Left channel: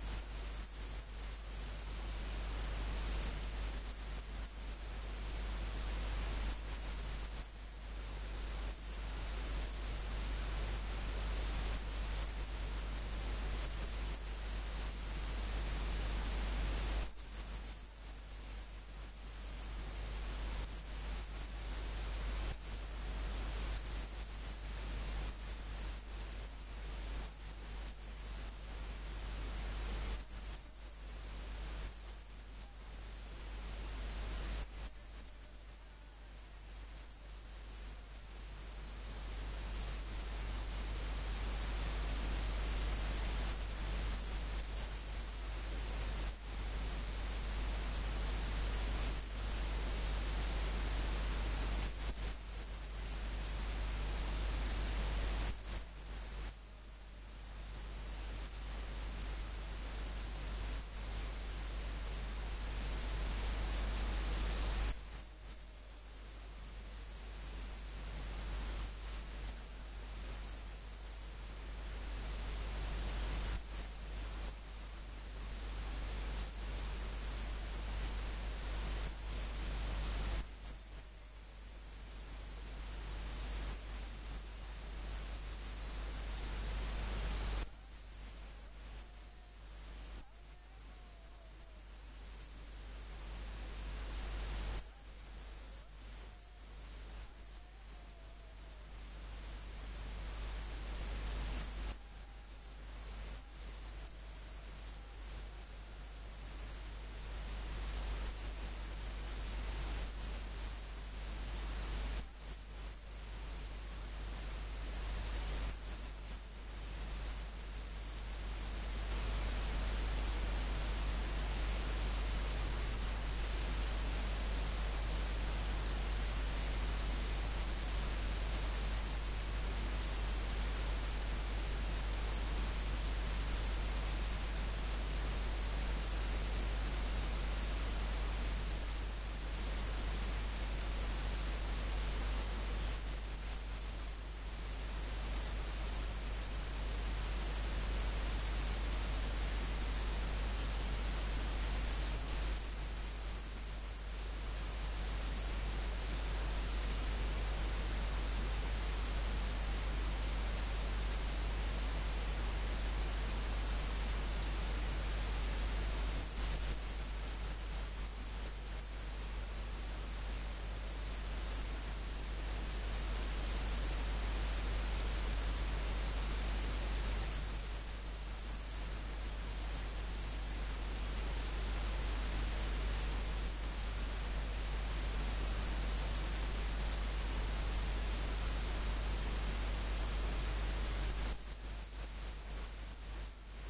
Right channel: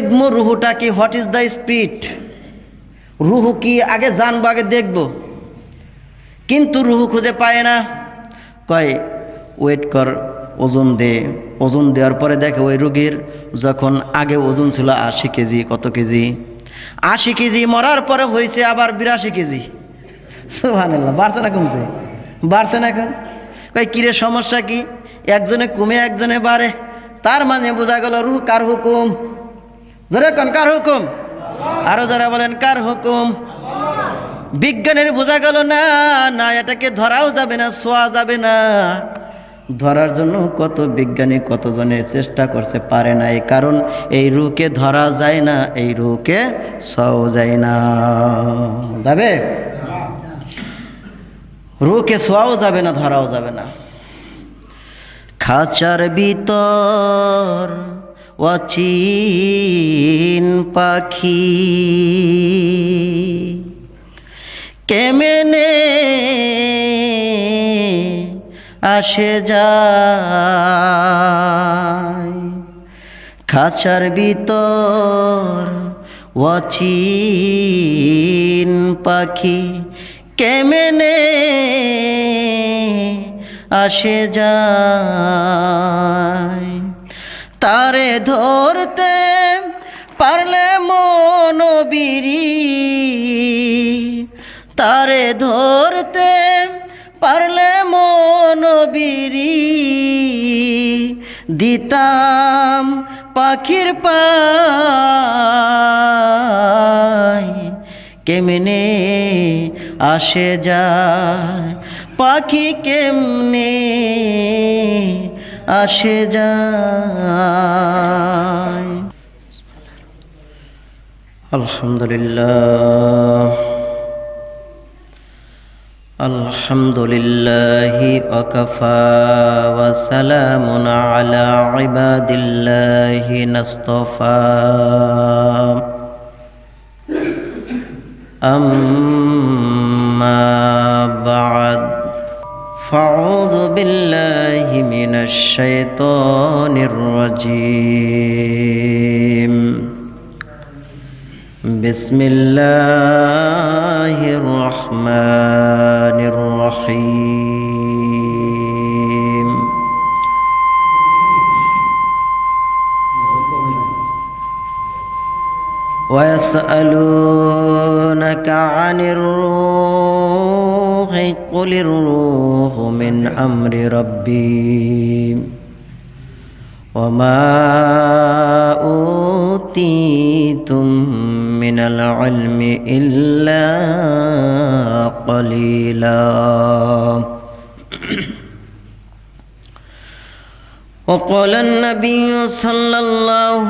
দেখবো রুহুটা কি, হোয়াট ইজ দ্য স্পিরিট, রুহু কি আগে জানবো, আগে দেখবো। কিন্তু রুহু খুঁজে পায় না। কয় ওয়েট কর, ওজন দে। ওজন দেওয়ার পরে দেখে ওই রোগীর যখন আগে ওজন ছিল 80 কেজি, কত কেজি, 80 কেজি, মরার পরে হয়েছে আবার 82 কেজি। সুবহানাল্লাহ, বাড়ছে না কমছে? বাড়ছে না। এখন কয় কিরে সমস্যা কি? একজনে কমে একজনে বাড়ে, তার মানে বোঝা গেল রুহ কার হুকুম? জোরে কোন কার হুকুম? আরো যারা বলেন কার হুকুম? বিজ্ঞানের বোঝা গেল না, না এটাকে ধরাও যাবে না, ছোঁয়া যাবে না। ধরার জন্য কত বিজ্ঞানী কতজনের চেষ্টা করছে, পারে না। এই কারণ এই রুহকে ধরা যায় না, এই রুহকে ছোঁয়াও যায় না। যাবে? রুহকে ছোঁয়াও যাবে না, ধরাও যাবে না। খাঁচার ভিতর অচিন পাখি কেমনে আসে যায়, খাঁচার ভিতর অচিন পাখি কেমনে আসে যায়, তারে ধরতে পারলে মনোবিরি, তারে ধরতে পারলে মনোবিরি, দিতাম পাখির পায় কেমনে আসে যায়, পাখি কেমনে আসে যায়। আলহামদুলিল্লাহ, আলহামদুলিল্লাহি ওয়াকাফা ওয়া সালামুন আলা ইবাদিল্লাহি নাসতাফা। আম্মা বা'দ, ফাউযু বিল্লাহি মিনাশ শাইতানির রাজীম। বিসমিল্লাহির রহমানির রহিম। ওয়া ইয়াসআলুনাকা আনির রূহি কুলির রূহু মিন আমরি রাব্বি ওয়া মা উতীতুম মিনাল ইলমি ইল্লা ক্বালিলা। وقال النبي صلى الله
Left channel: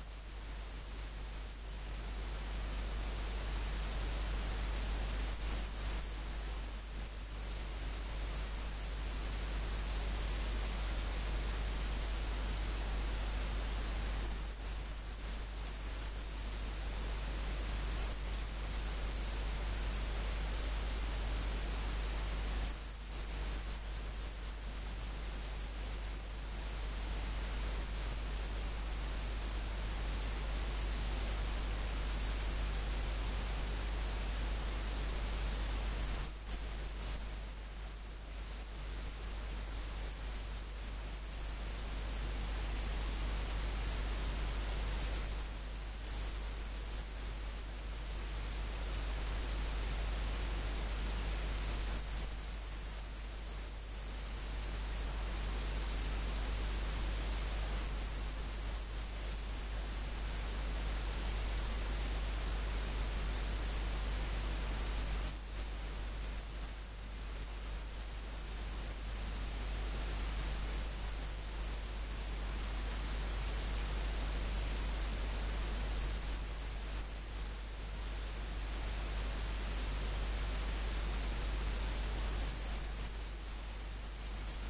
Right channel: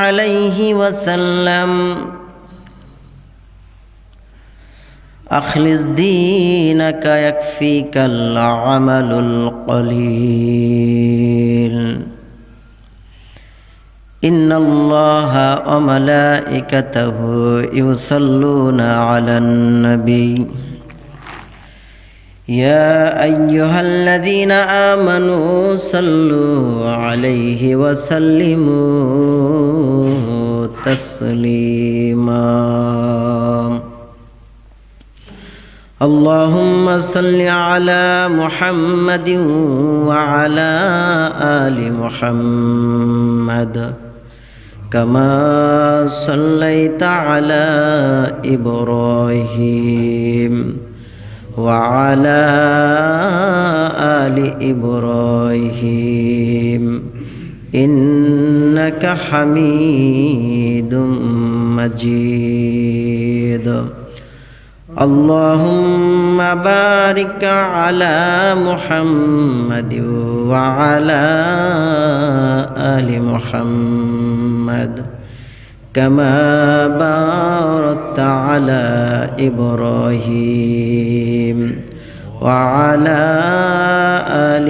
عليه وسلم أخلص دينك يكفيك العمل القليل إن الله وملائكته يصلون على النبي يا أيها الذين آمنوا صلوا عليه وسلموا تسليما. اللهم صل على محمد وعلى آل محمد كما صليت على إبراهيم وعلى آل إبراهيم إنك حميد مجيد. اللهم بارك على محمد وعلى آل محمد كما باركت على إبراهيم وعلى آل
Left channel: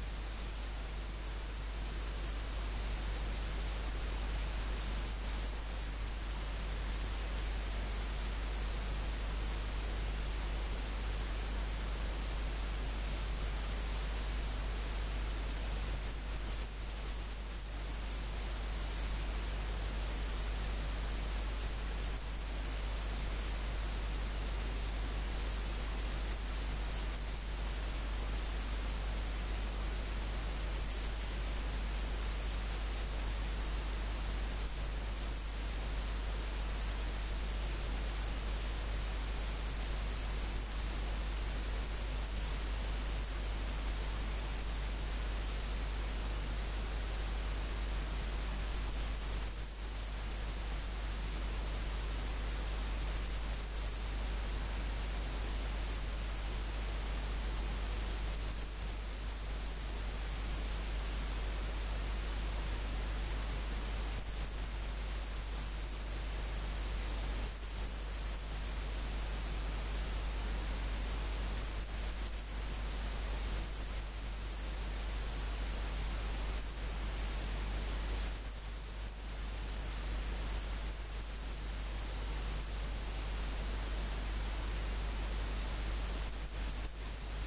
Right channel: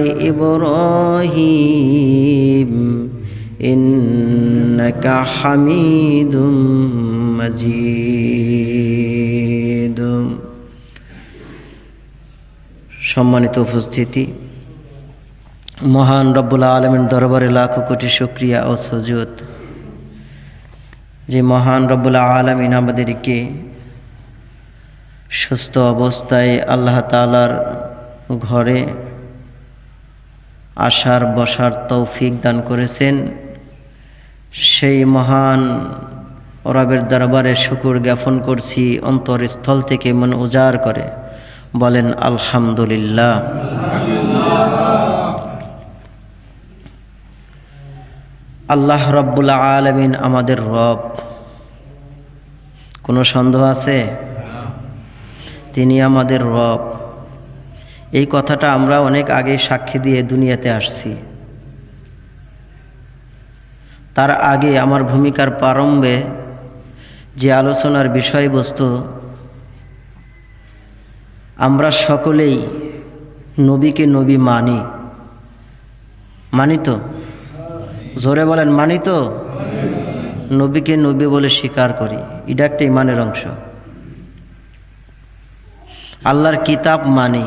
إبراهيم إنك حميد مجيد. সম্মানিত উপস্থিতি, মহান রব্বুল আলামিন দরবারে লাখো কোটি শুকরিয়া ও সুজুদ। যে মহান রব্বুল আলামিন আমাদেরকে সুস্থ অবস্থায় আল্লাহ তাআলার ঘরে আসার বসার তৌফিক দান করেছেন, সেই মহান রবের দরবারে শুকর জ্ঞাপন করছি অন্তরস্থল থেকে, মন উজাড় করে বলেন আলহামদুলিল্লাহ। আল্লাহ রব্বুল আলামিন আমাদের রব, কোনো সন্দেহ আছে? তিনি আমাদের রব। এই কথাটা আমরা অনেক আগে সাক্ষী দিয়ে দুনিয়াতে আসছি। তার আগে আমার ভূমিকার প্রারম্ভে যে আলোচনার বিষয়বস্তু, আমরা সকলেই নবীকে নবী মানি। মানি তো? জোরে বলেন, মানি তো? নবীকে নবী বলে স্বীকার করি, এটা একটা ইমানের অংশ। আল্লাহর কিতাব মানি,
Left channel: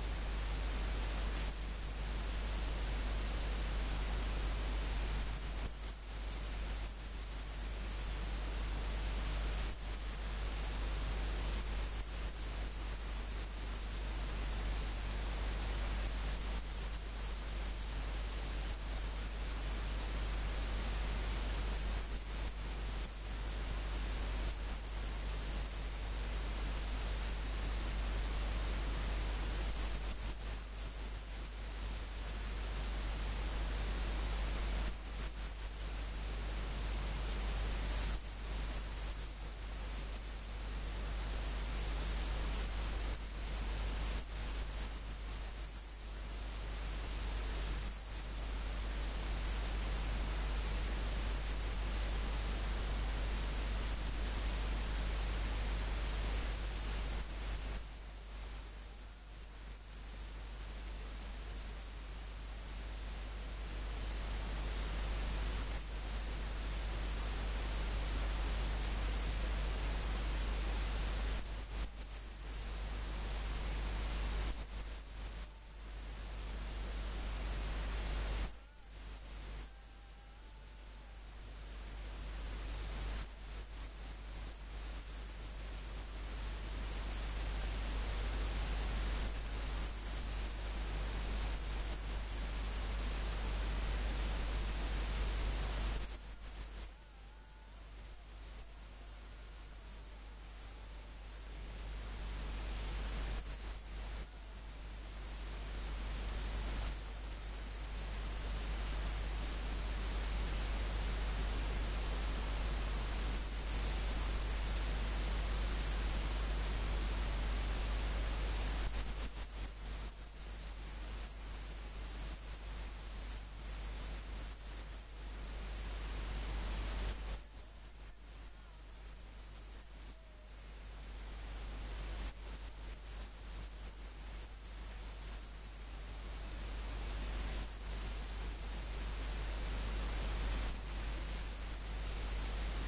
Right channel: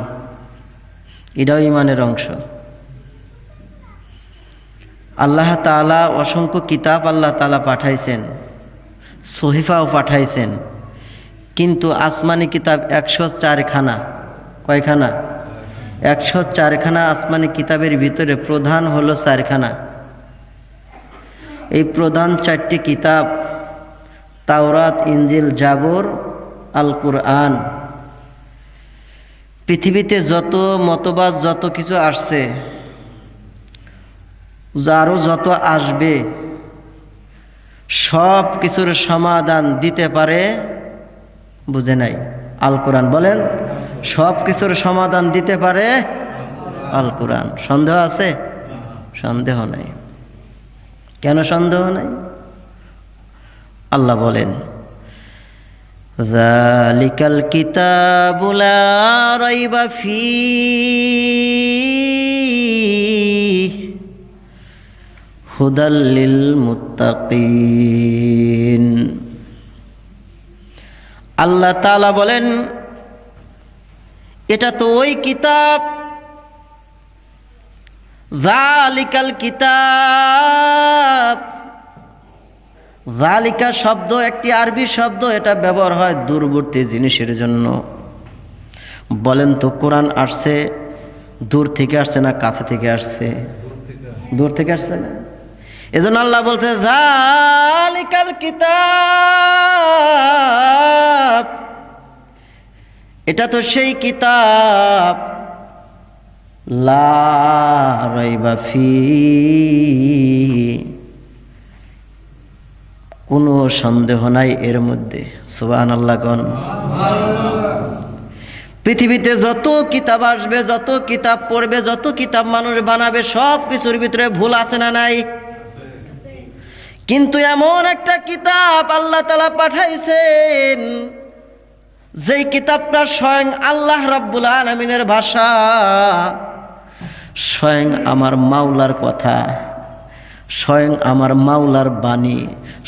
এটাও ইমানের অংশ। আল্লাহ তাআলা অসংখ্য কিতাব আল্লাহ তাআলা পাঠাইছেন, সহিফাও পাঠাইছেন, কিন্তু আসমানি কিতাব 104 খানা। কয়খানা? 104 খানা আসমানি কিতাবের ভিতরে প্রধান হলো 4 খানা। এই প্রধান 4টি কিতাব তাওরাত, ইনজিল, জাবর, আল কুরআন। পৃথিবীতে যত মতবাদ, যত কিছু আসছে, আরও যত আসবে, সব কিছুর সমাধান দিতে পারে, বুঝে নাই, আল কোরআন। বলেন, সব কিছুর সমাধান দিতে পারে আল কোরআন। সন্দেহ আছে? সন্দেহ নাই। কেন সন্দেহ নাই? আল্লাহ বলেন, যালিকাল কিতাবু লা রাইবা ফীহি হুদাল লিল মুত্তাকিন। আল্লাহ তাআলা বলেন, এটা তো ওই কিতাব, যালিকাল কিতাব। যালিকা শব্দ একটি আরবি শব্দ, এটা ব্যবহার হয় দূরবর্তী জিনিসের জন্য। বলেন তো, কোরআন আসছে দূর থেকে আসছে না কাছে থেকে আসছে? দূর থেকে আসছে না? এজন্য আল্লাহ বলতে, যালিকাল কিতাব, এটা তো সেই কিতাব, লা রাইবা ফীহি, কোনো সন্দেহ নাই এর মধ্যে। সুবহানাল্লাহ গণ। পৃথিবীতে যত কিতাব আসবে, যত কিতাব পড়বে, যত কিতাব মানুষ বানাবে, সব কিছুর ভিতরে ভুল আছে না নাই? কিন্তু এমন একটা কিতাব আল্লাহ তাআলা পাঠাইছেন, যেই কিতাবটা স্বয়ং আল্লাহ রাব্বুল আলামিনের ভাষা, স্বয়ং আমার মাওলার কথা, স্বয়ং আমার মাওলার বাণী,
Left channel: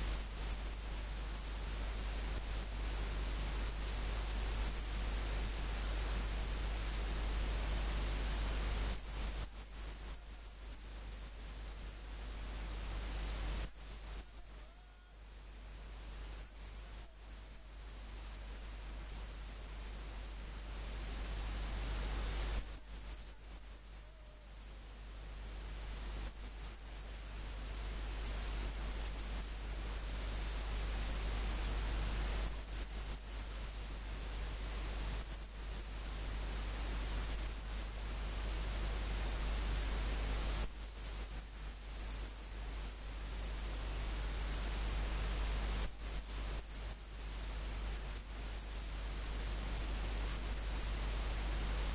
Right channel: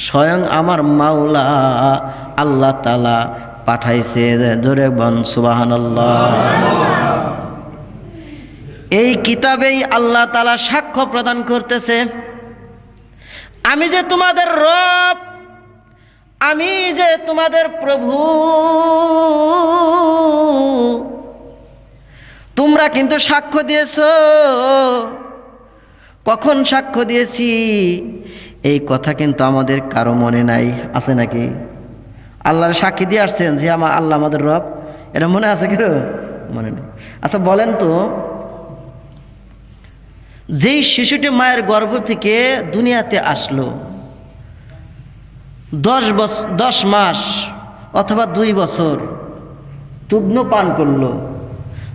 স্বয়ং আমার মাওলা আল্লাহ তাআলা পাঠাইছে। জোরে বল সুবহানাল্লাহ। এই কিতাবেই আল্লাহ তাআলা সাক্ষ্য প্রদান করতেছে, আমি যে তোমাদের রব, আমি যে তোমাদের প্রভু। তোমরা কিন্তু সাক্ষ্য দিয়েছো। কখন সাক্ষ্য দিয়েছি এই কথা কিন্তু আমাদের কারো মনে নাই। আছে নাকি? আল্লাহর সাক্ষী দিয়ে আসছেন যে আমার আল্লাহ আমাদের রব, এটা মনে আছে কেউ? মনে নেই। আচ্ছা বলেন তো, যেই শিশুটি মায়ের গর্ভ থেকে দুনিয়াতে আসলো, 10 মাস অথবা 2 বছর দুগ্ন পান করলো,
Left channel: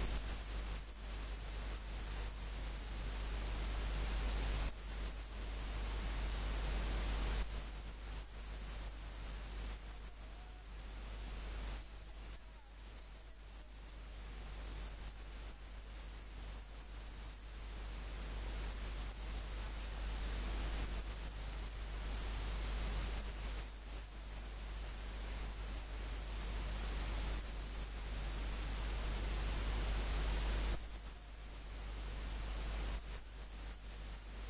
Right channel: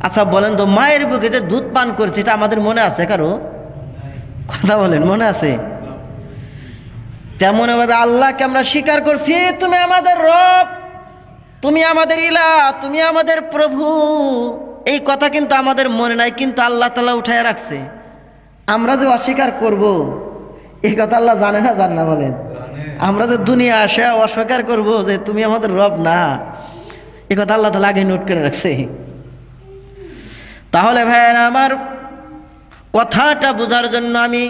আচ্ছা বলেন তো, মায়ের বুকে যে দুধ পান করছে, এটা আমাদের মনে আছে কারো? কথা বলেন, মনে আছে? তেমন ভাবে আল্লাহকে আমরা স্বীকার করছি, তুমি আমাদের রব, তুমি আমাদের ইলাহ, তুমি আমাদের প্রভু। এই কথা কিন্তু আমাদের মনে নাই, কিন্তু আল্লাহ তাআলা উঠায় রাখছে। আমরা যে অস্বীকার করব, এই কথা আল্লাহ জানে না? জান না? বলেন, আমরা যে দুনিয়া আসে অস্বীকার করব যে তুমি আমাদের রব না, এই কথা আল্লাহ তাআলা আগে নোট করে রাখছে। তাহলে ভাইয়েরা আমার, কথাটা বোঝার জন্য আমি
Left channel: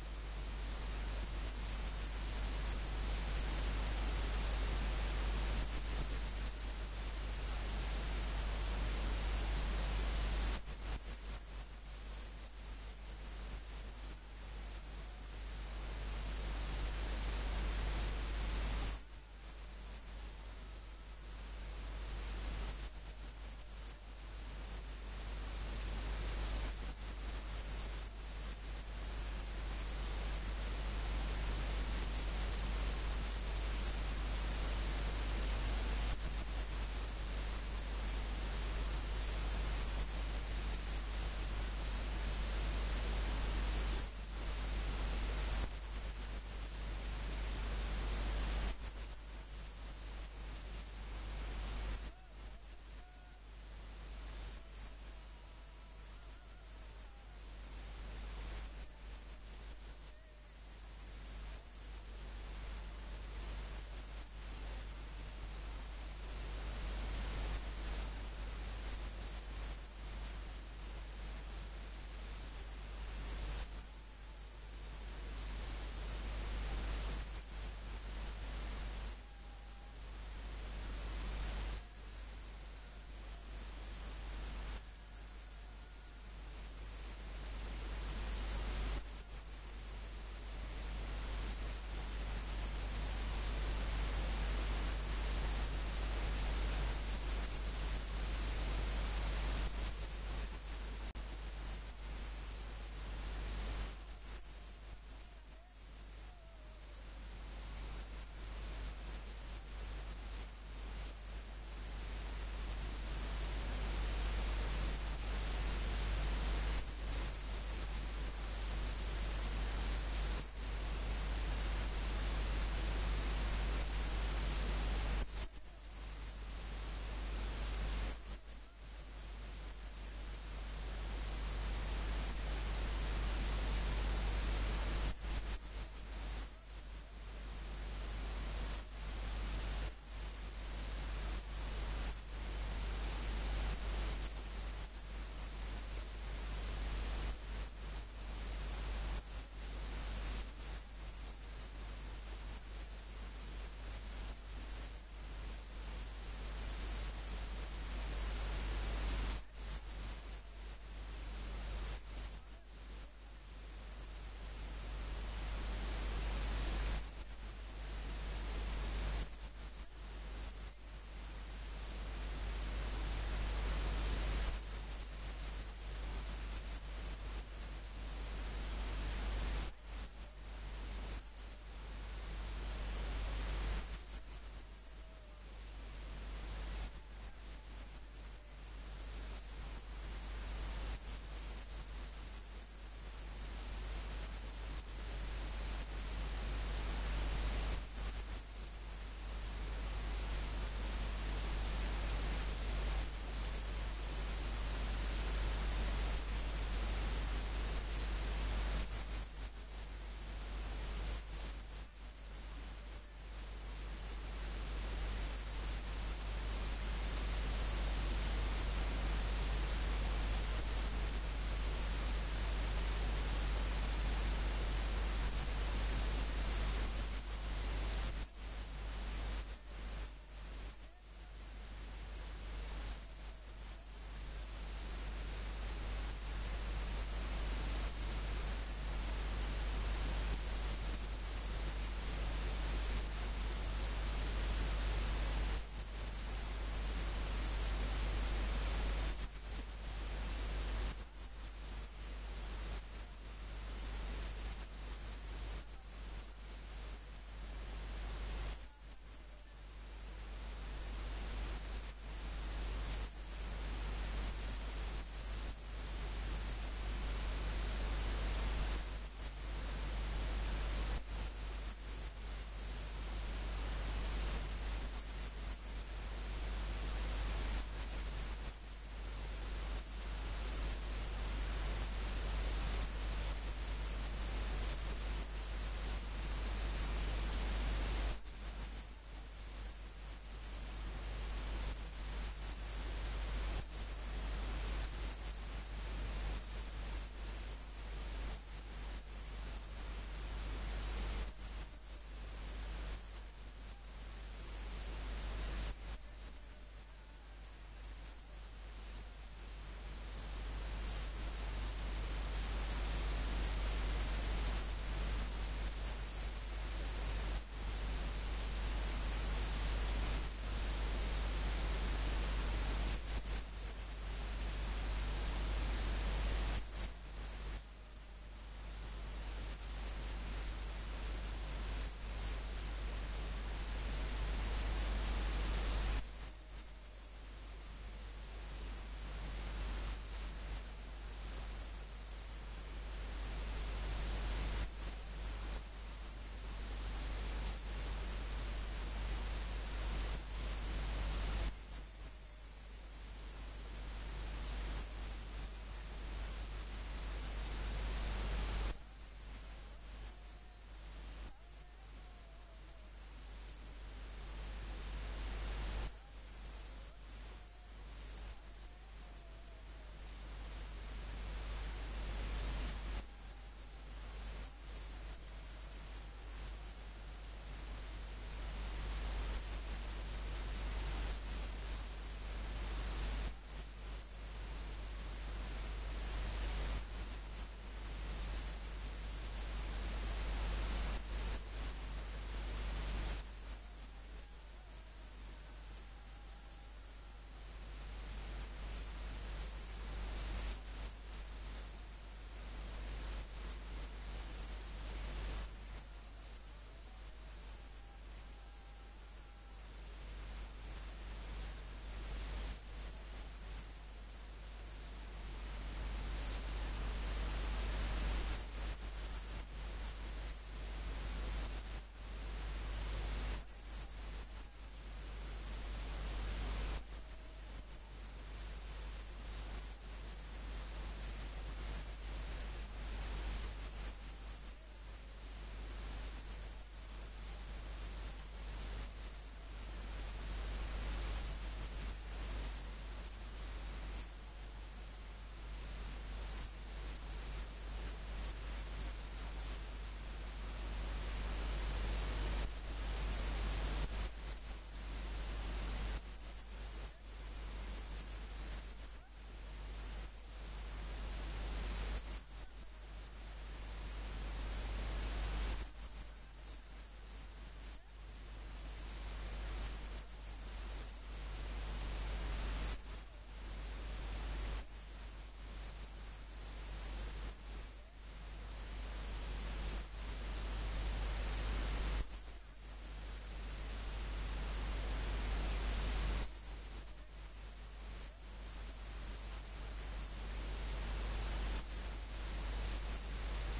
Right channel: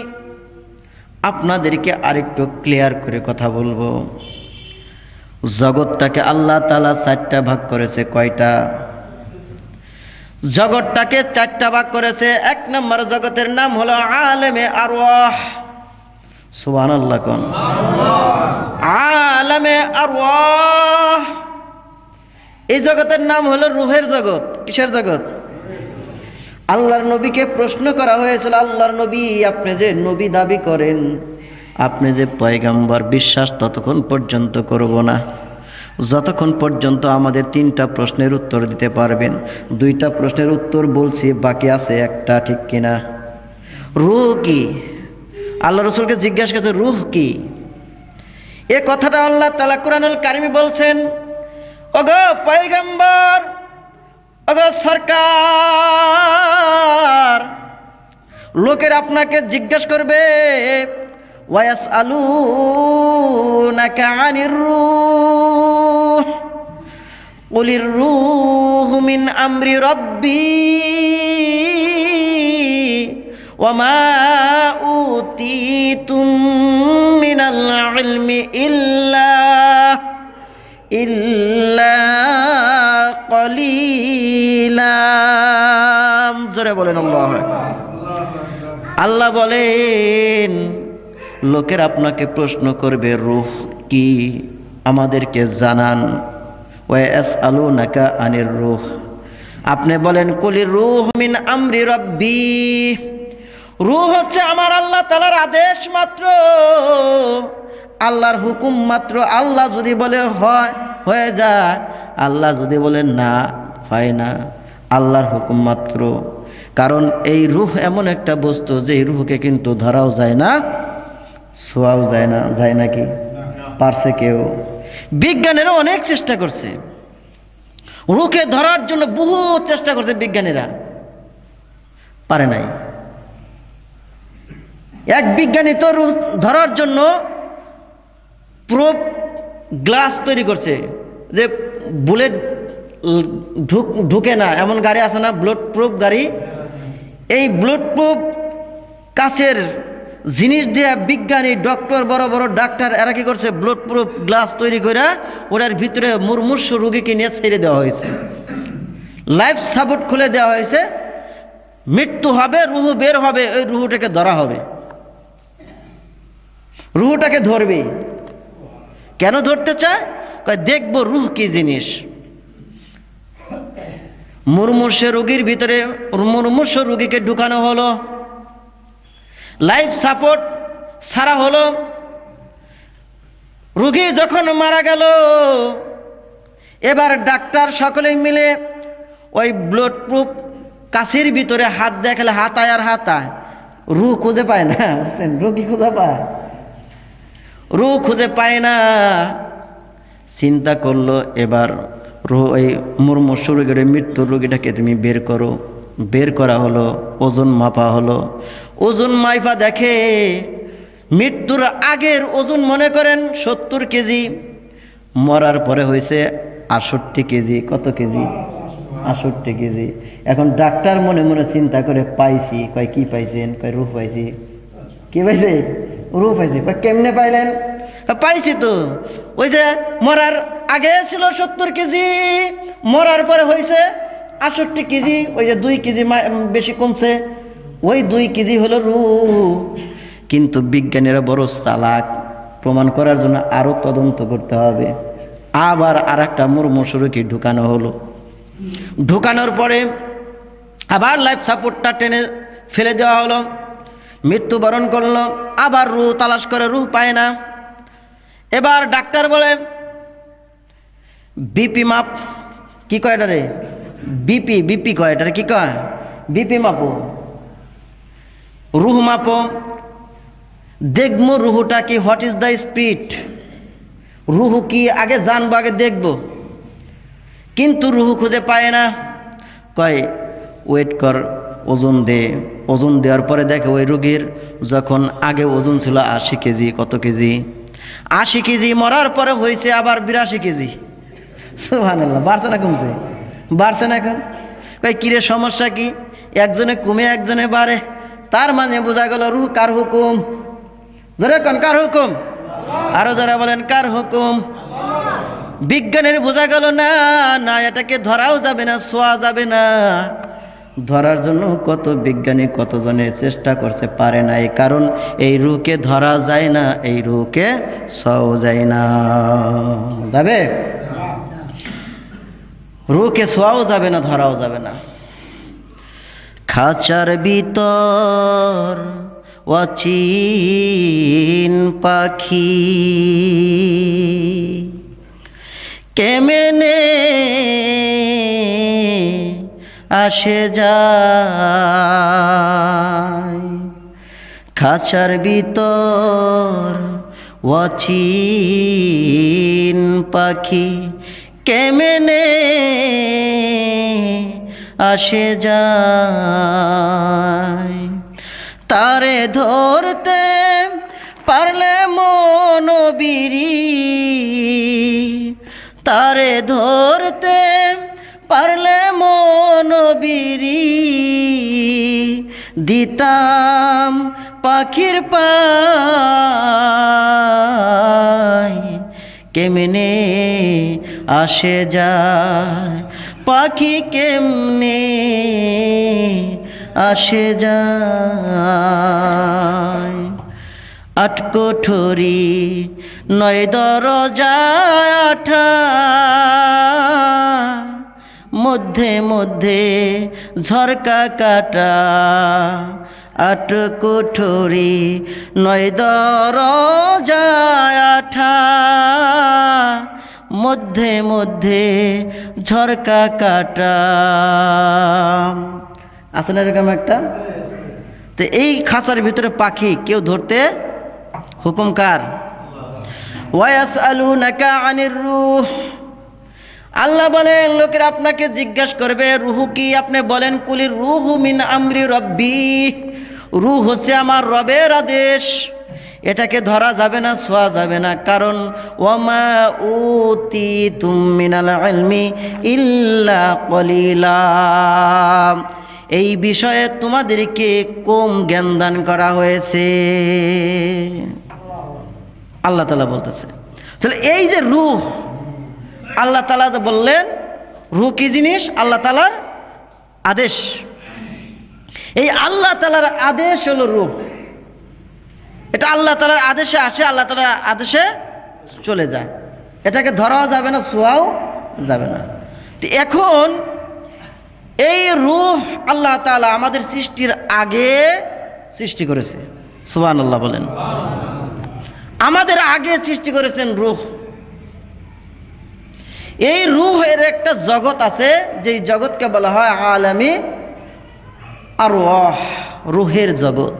আপনাদেরকে আরেকটু ক্লিয়ার করে কথা বলবো। জগৎটাকে আল্লাহ তাআলা চারটা ভাগ করেছে। কয়টা? জগৎটাকে চারটা ভাগ করেছে। এক নম্বর জগতের নাম হলো আলেমে আরওয়াহ। সুবহানাল্লাহ কোন? আলেমে আরওয়াহ। এই জগতের নাম হলো রূহের জগৎ। কিসের জগৎ? আল্লাহর নবীকে প্রশ্ন করা হয়েছিল, আল্লাহর নবী আপনি যে নবী দাবি করেন, আপনি যে পয়গম্বর, বিশ্বাস ততক্ষণ পর্যন্ত করব না যতক্ষণ পর্যন্ত আমাদের তিনটা প্রশ্নের উত্তর দিতে পারবেন। দুইটা প্রশ্নের উত্তর বলছি, বাকি আছে একটা, ঠিক কিনা? রূহ কি? আল্লাহ রাসূলকে জিজ্ঞাসা করেছে রূহ কি? এ কথাটা আল্লাহ তাআলা কুরআনুল কারীমে বলছেন, ওগো পয়গম্বর, ওগো সরকার, লোকের আপনাকে জিজ্ঞাসা করবে, ওয়ায়াসআলুনাকা আনির রূহ কুলির রূহু মিন আমরি রাব্বি ওয়া মা উতীতুম মিনাল ইলমি ইল্লা কলিলা। জোরে বলেন আল্লাহু আকবার। আল্লাহ বলেন লোকের আপনাকে প্রশ্ন করবে রূহ কি, আমাদেরকে জানান। ওয়ায়াসআলুনাকা আনির রূহ, আপনি বলেন কুলির রূহ মিন আমরি রাব্বি, রূহ হচ্ছে আমার আল্লাহ তাআলার আদেশ মাত্র, আল্লাহর হুকুম মাত্র। আল্লাহ যদি বলে হয় হয়ে যায়, আল্লাহ যদি বলেন না হয় না, আল্লাহর হুকুম মাত্র। কারণ এই রূহ এমন একটা বস্তু যে এই রূহকে কিন্তু ধরাও যায় না, ছোঁয়াও যায় না। যায় নাকি? পারছে কেউ? বিজ্ঞানীরা অনেক চেষ্টা করছে, রূহকে ধরার জন্য বহু চেষ্টা করছে বিজ্ঞানীরা, পারে নাই। এক বিজ্ঞানী তো রূহ ধরার জন্য প্রুফ গ্লাস তৈরি করছে, যে বুলেট ঢুকে না এমন গাড়ি আছে না, বুলেট প্রুফ গাড়ি। এই বুলেট প্রুফ কাচের জিনিস দিয়ে বিজ্ঞানী, ডক্টর, বড় বড় ডাক্তার এরা কি করছে, বুলেট প্রুফ গ্লাস তৈরি করে ওটার ভিতরে মুমূর্ষ রোগীকে নিয়ে ছেড়ে দেওয়া হয়েছে, লাইফ সাপোর্ট খুলে দেওয়া হয়েছে। মৃত্যু হবে, রুহু বের হবে, ওই রুহুটাকে ধরা হবে, রুহুটাকে ধরবে। কেন ধরতে চায়? দেখবো রুহ কি জিনিস। মুমূর্ষ রোগীর ভিতরে মুমূর্ষ রোগীকে ঢুকানো হলো, লাইফ সাপোর্ট ছাড়া হলো। রোগী যখন মারা গেল, এবার ডাক্তার সকলে মিলে ওই ব্লাড প্রুফ কাছের ভিতরে হাত দেখালে হাতায় আর হাতায়, রুহ খুঁজে পায় না। বুঝছেন? রোগী খুঁজে পায়, রুহ খুঁজে পায় না। চিন্তা করলো এবার রুহ, ওই মুমূর্ষ রোগীর মৃত্যুর রোগীটাকে তুমি বের করো। বের করা হলো, ওজন মাপা হলো। ওজন মাইফা দেখে মৃত্যুর আগের ওজন মনে করেন 70 কেজি, মরার পরে হয়েছে 68 কেজি। কত কেজি? 68 কেজি। এখন ডাক্তার মনে মনে চিন্তা করে পাইছি। কয় কি পাইছেন? কয় রূহ পাইছি। কি পাইছে? রূহ পাইছে। কয় কেমনে পাইলেন? পাইছি তো, ওই যে মরার আগে ছিল 70 কেজি, মরার পরে হয়েছে 68 কেজি, ওই যে 2 কেজি বেশি কমছে, ওই 2 কেজি হলো রূহ। কিন্তু বিজ্ঞানীরা বড় চালাক, প্রমাণ করার জন্য আরো তদন্ত করতে হবে। আবার আর একটা মুমূর্ষ রোগী ঢুকানো হলো। ঢুকানোর পরে আবার লাইফ সাপোর্টটা টেনে ফেলে দেওয়া হলো, মৃত্যুবরণ করলো। আবার রূহ তালাশ করে, রূহ পায় না। এবার ডাক্তার বলে বিপি মাপ, কি কয় এটারে? বিপি কয় এটারে, কি কয়? বিপি মাপো, রূহ মাপো, দেখবো রুহুটা কি, হোয়াট ইজ দ্য স্পিরিট, রুহু কি আগে জানবো, আগে দেখবো। কিন্তু রুহু খুঁজে পায় না। কয় ওয়েট কর, ওজন দে। ওজন দেওয়ার পরে দেখে ওই রোগীর যখন আগে ওজন ছিল 80 কেজি। কত কেজি? 80 কেজি। মরার পরে হয়েছে আবার 82 কেজি। সুবহানাল্লাহ। বাড়ছে না কমছে? বাড়ছে না। এখন কয় কিরে সমস্যা কি? একজনে কমে একজনে বাড়ে, তার মানে বোঝা গেল রুহ কার হুকুম? জোরে কোন কার হুকুম? আরো যারা বলেন কার হুকুম? বিজ্ঞানের বোঝা গেল না না এটাকে ধরাও যাবে না, ছোঁয়া যাবে না। ধরার জন্য কত বিজ্ঞানী কতজনের চেষ্টা করছে, পারে না। এই কারণ এই রুহকে ধরা যায় না, এই রুহকে ছোঁয়াও যায় না। যাবে? রুহকে ছোঁয়াও যাবে না, ধরাও যাবে না। খাঁচার ভিতর অচিন পাখি কেমনে আসে যায়, খাঁচার ভিতর অচিন পাখি কেমনে আসে যায়, তারে ধরতে পারলে মন বিরি, তারে ধরতে পারলে মন বিরি, দিতাম পাখির পায় কেমনে আসে যায়, পাখি কেমনে আসে যায়। আট কোঠরি নয় দরজা আঠা, মধ্যে মধ্যে ঝরকা কাটা, আট কোঠরি নয় দরজা আঠা, মধ্যে মধ্যে ঝরকা কাটা। আছে না এরকম একটা? তো এই খাঁচার ভিতরে পাখি কেউ ধরতে হুকুম কার? ওয়ায়াসআলুনাকা আনির রূহ, আল্লাহ বলেন লোকেরা আপনাকে জিজ্ঞাসা করবে রূহ কি, আপনি বলেন কুলির রূহু মিন আমরি রব্বি, রূহ হচ্ছে আমার রবের আদেশ। এটাকে ধরা যাবে না, ছোঁয়া যাবে না। কারণ ওয়ামা উতিতুম মিনাল ইলমি ইল্লা কলিলা, এই বিষয়ে তোমাদেরকে কম জ্ঞান দান করা হয়েছে, আল্লাহ তাআলা বলতেছে। তাহলে এই যে রূহ, আল্লাহ তাআলা বললেন রূহ কি জিনিস? আল্লাহ তাআলার আদেশ। এই আল্লাহ তাআলার আদেশ হলো রূহ। এটা আল্লাহ তাআলার আদেশে আসে, আল্লাহ তাআলার আদেশে চলে যায়। এটাকে ধরাও যাবে না, ছোঁয়াও যাবে না। তো এখন এই রূহ আল্লাহ তাআলা আমাদের সৃষ্টির আগে সৃষ্টি করেছে। সুবহানাল্লাহ বলেন। আমাদের আগে সৃষ্টি করেছেন রূহ। এই রূহের একটা জগৎ আছে, যেই জগৎকে বলা হয় আলামী আরওয়াহ, রূহের জগৎ।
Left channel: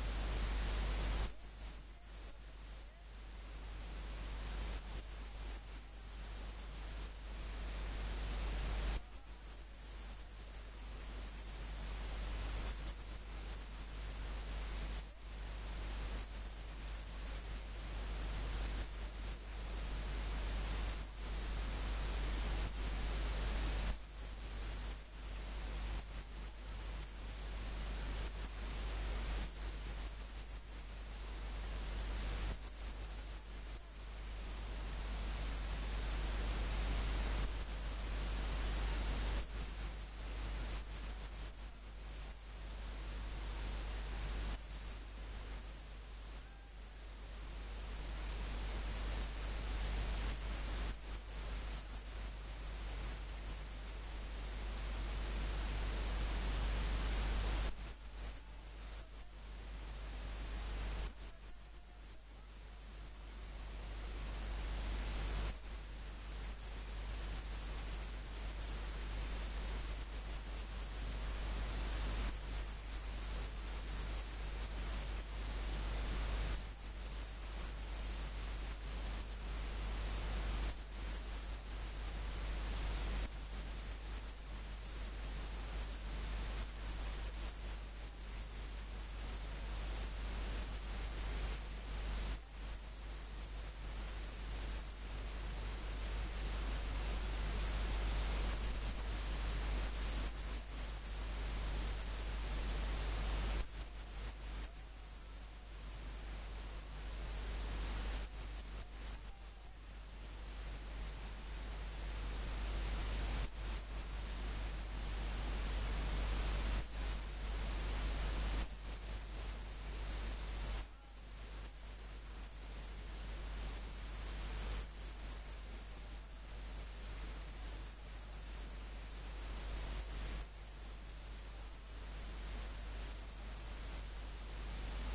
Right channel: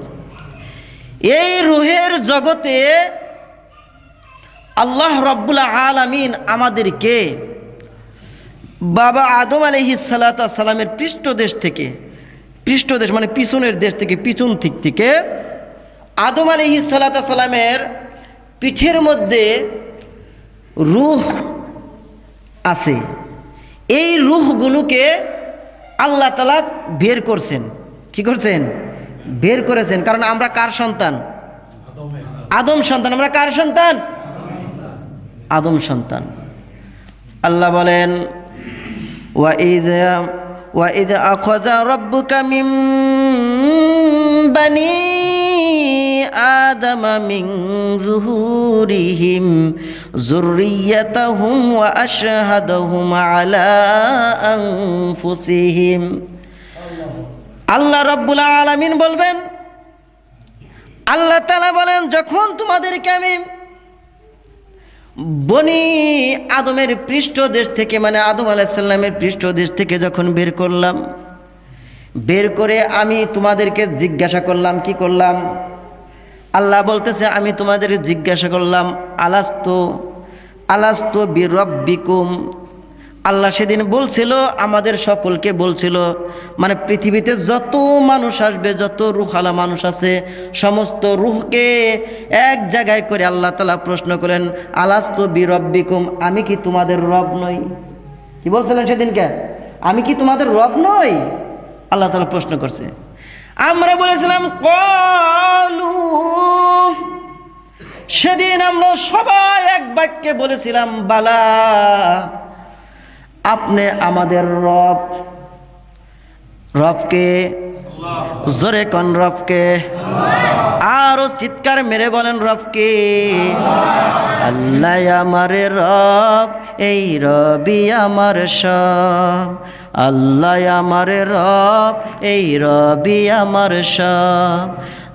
এই রূহের জগতে আল্লাহ রাব্বুল আলামিন আমাদেরকে বাবা আদম আলাইহিস সালাতু ওয়াস সালামের পৃষ্ঠদেশ থেকে, পৃষ্ঠদেশ মানে পিছনের দেশ থেকে, পিছন দিক থেকে আদম আলাইহিস সালাতু ওয়াস সালামের পিঠের মধ্যে রূহ আছে। এই রূহগুলোকে আল্লাহ তাআলা বের করছেন। কি করছেন? বের করেছেন। কারণ আমরা কার সন্তান? আদম সন্তান। আমরা কার সন্তান? আদম সন্তান। আল্লাহ বলেন ওয়াইদ আখাযা রাব্বুকা মিন বানি আদম মিন যুহুরিহিম যুররিয়াতাহুম ওয়া আশহাদাহুম আলা আনফুসিহিম। আল্লাহ রাব্বুল আলামিন বলবেন, আল্লাহ তাআলা বলেন যখন তোমাদেরকে আমি বনি আদমের পৃষ্ঠদেশ থেকে, মানে আদম আলাইহিস সালামের পৃষ্ঠদেশ থেকে যখন বের করলাম, বের করে আমি তোমাদেরকে জিজ্ঞাসা করলাম। কি করলাম? আল্লাহ বলতেছে আমি তোমাদের জিজ্ঞাসা করলাম আলাস্তু বিরব্বিকুম। আল্লাহ সেদিন বলছিল, আমাদের সকলকে বলছিল, মানে পৃথিবীতে যত মানুষ আসবে, যত রূহালা মানুষ আছে, সমস্ত রূহকে এক জায়গায় করে আল্লাহ তাআলা প্রশ্ন করেন আলাস্তু বিরব্বিকুম, আমি কি তোমাদের রব নই? কি বলছিলেন সেদিনকে? আমি কি তোমাদের রব নই? আল্লাহ তাআলা প্রশ্ন করছে। আমরা বলেছিলাম ক্বালু, সেদিন আমরা সবাই এক বাক্যে বলেছিলাম, বালা, আপনি আমাদের রব। রবকে জোরে কোন রবকে? আরো চিৎকার মেরে বলেন, রবকে। আল্লাহ আমার রব, এই রবি আমার সব। আল্লাহ আমার রব, এই রবি আমার সব।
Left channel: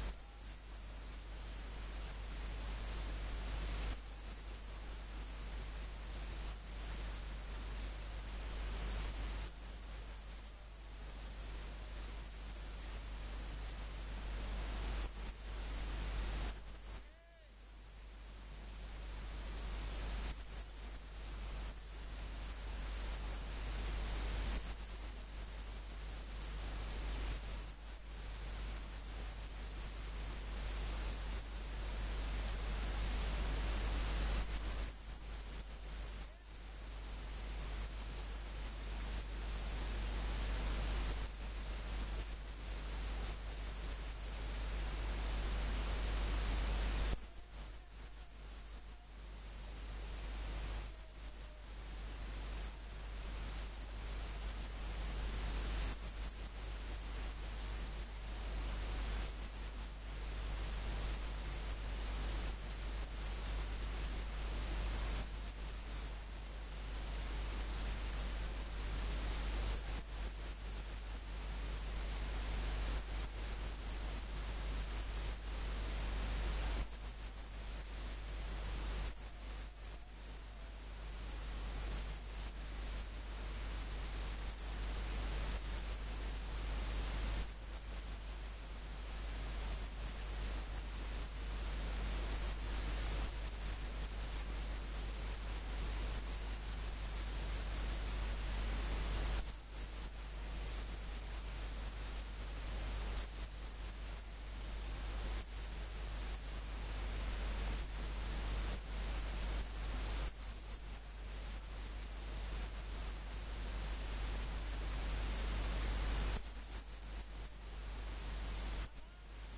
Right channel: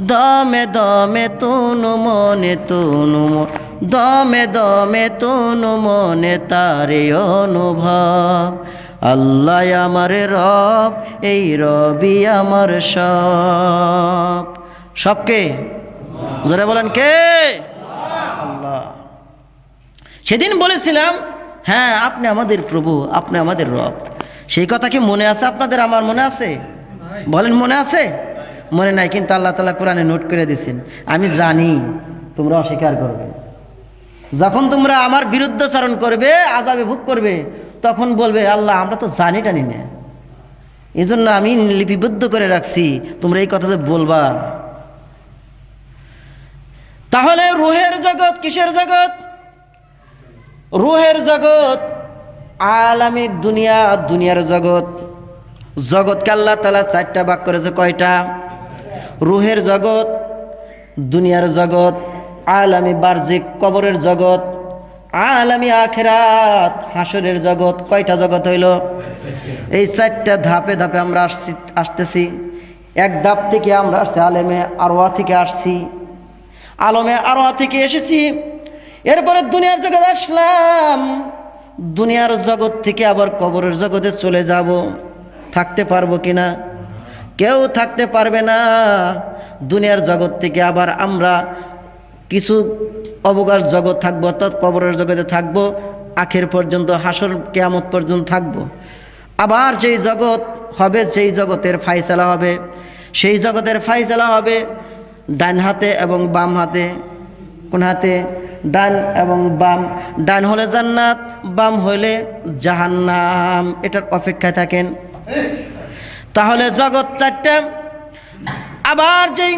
দমে দমে তুনু মনে তুনু, দমে দমে তুনু মনে তারে অনুভব। আল্লাহ আমার রব, এই রবি আমার সব। সবকে জোরে বলেন, কে? আল্লাহ। সেদিন বলেছিলাম, হ্যাঁ আপনি আমাদের প্রভু, আপনি আমাদের রব। সেই কথা কি মনে আছে আপনাদের? আমার মনে আছে? বলেন, মনে আছে? মনে নাই, কিন্তু আল্লাহ তাআলা কোরআনে নোট করে দিয়েছেন। আমি জানি তোমরা অস্বীকার করবে। যখন তোমরা আমার বিরুদ্ধাচরণ করবে, আযাবে ভোগ করবে, তখন বলবে, আল্লাহ আমরা তো জানি টানি না, এই জন্য আমি লিপিবদ্ধ করে রাখছি, তোমরা এই কথা যে বলবা। তাহলে রুহের জগৎ কিসের জগৎ? রুহের জগৎ আলামিক দুনিয়া, দুনিয়ার জগৎ। জগৎকে আল্লাহ তাআলা চারটা ভাগ করেছে। কয়টা? রুহের জগৎ, দুনিয়ার জগৎ, আলামি বার্জিক কবরের জগৎ, আলামি আখিরাত হাসরের জগৎ। কয়টা জগৎ হইল? এই চারটা ধাপে ধাপে আমরা আসতেছি। এক ধাপ থেকে আমরা আসছি আলেমে আরওয়াহ থেকে আসছি, আলমে আরওয়াহ থেকে এসেছি। এরপরে দুনিয়ার জগৎ আসলাম, দুনিয়ার জগৎ থেকে আবার কবরের জগতে চলে যাব। থাকতে পারবো কিনা? কেউ থাকতে পারবে না। দুনিয়ার জগৎ থেকে আবার আমরা কিছু অবকাশ জগৎ থাকবো, অর্থাৎ কবরের জগতে থাকবো, আখের পর্যন্ত, হাসর কিয়ামত পর্যন্ত থাকবো। আবার যেই জগৎ হবে, যেই জগতের ফায়সালা হবে, সেই জগতের ফায়সালা হবে ডান হাতে এবং বাম হাতে। কোন হাতে? ডান এবং বাম। ডান হলে জান্নাত, বাম হলে জাহান্নাম। এটার অপেক্ষায় থাকেন। তাহলে জগৎ চারটা। আবার যেই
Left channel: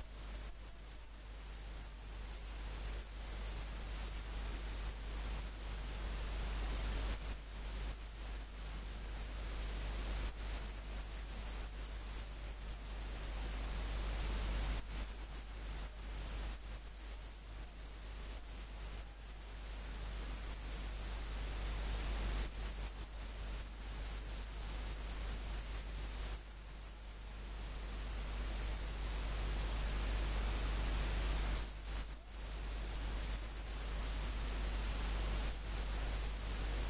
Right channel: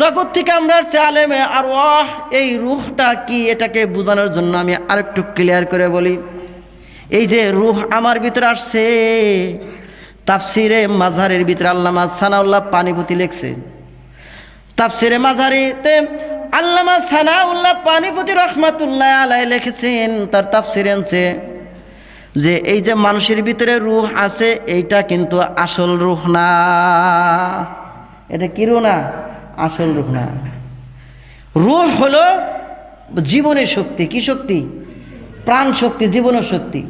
জগৎ থেকে আমরা আসছি আলেমে আরওয়াহ, এই রূহটা কি এটাকে বোঝানোর জন্য আমি আরেকটু ক্লিয়ার করে বলি। এই যে রূহ আমার ভিতরে আসছে, তাফসিরে মাঝহারের ভিতরে আল্লামা সানাউল্লাহ পানিপতি লিখছে। তাফসিরে মাঝহারিতে আল্লামা সানাউল্লাহ পানিপতি রহমাতুল্লাহ আলাইহি লিখেছেন, তার তাফসিরে আছে যে এই যে মানুষের ভিতরে রূহ আছে, এইটা কিন্তু আসল রূহ না। এটা কি রূহ না? আসল রূহ না। রূহ হলো জীবনের শক্তি। কি শক্তি? প্রাণ শক্তি, জীবনের শক্তি।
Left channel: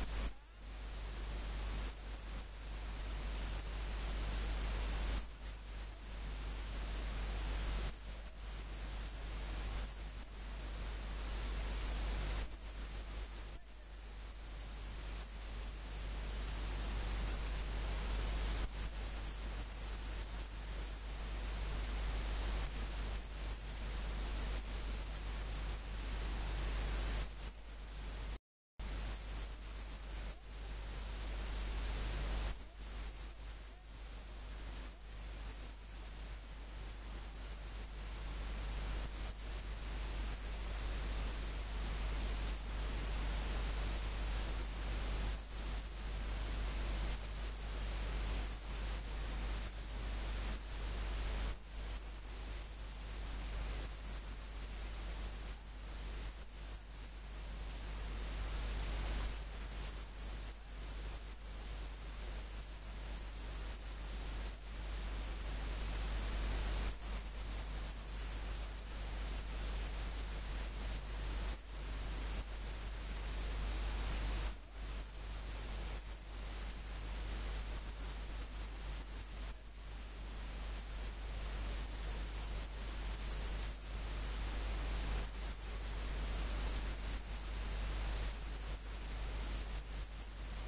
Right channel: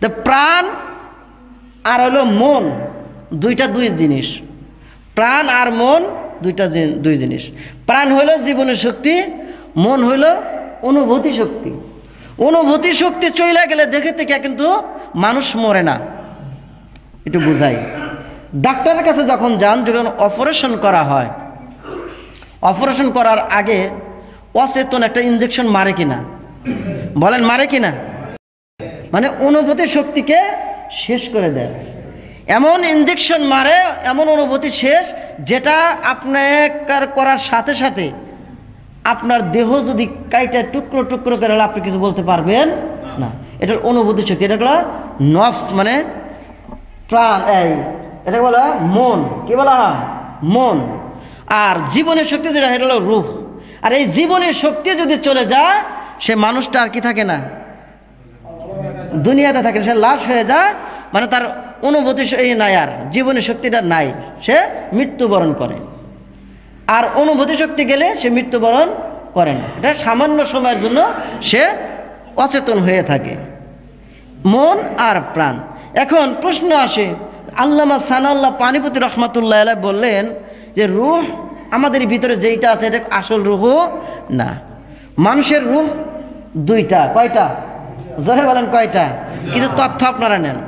তো প্রাণ আর হলো মন, দুইটা দুই জিনিস। প্রাণ আর মন দুই জিনিস। প্রাণ হলো জীবনের শক্তি, মন হলো অনুভূতি শক্তি। অনুভূতি শক্তি চলে গেলে দেখে থেকে কিন্তু মানুষ মরে না। একটু বুঝাই। ডাক্তারের কাছে যখন যান, যখন অপারেশন করা হয়, অপারেশন করার আগে অচেতন একটা ইনজেকশন মারে কিনা? বলেন, মারে কিনা? মানে অনুভূতি শক্তিকে শেষ করে দেয়। এমন ইনজেকশন মারে, এমন অনুভূতি শেষ, যেটা আপনার করার সাথে সাথে আপনার দেহ যদি কাইটা টুকরো টুকরো করে আপনি কিছু বলতে পারবেন না। এটার অনুভূতি শক্তি। এটা হলো নফস, মানে প্রাণ। এটা বলা মন। কি বলা হয়? মন। আর জীবনের শক্তি যেটা, এটা হলো রূহ। আর এই জীবনের শক্তি যদি চলে যায়, সে মানুষটা আর কি থাকে না, দুনিয়াতে থাকে, সে লাশ হয়ে যায়। মানে তার অনুভূতি নাই, আর জীবনের শক্তিটা নাই, সে মৃত্যুবরণ করে। আর অনুভূতি শক্তি গেলে সে মৃত্যুবরণ করে না। এটা সামান্য সময়ের জন্য সে অচেতন হয়ে থাকে। মন আর প্রাণ। এখন প্রশ্ন আসে, আল্লামা সানাউল্লাহ পানিপতি রহমাতুল্লাহ আলাইহি বললেন যে রূহ আমাদের ভিতরে যেইটা আছে, এটা আসল রূহ না। মানুষের রূহ দুইটা। কয়টা? জোরে বলেন, কয়টা? কিছু তথ্য আপনারা নেন।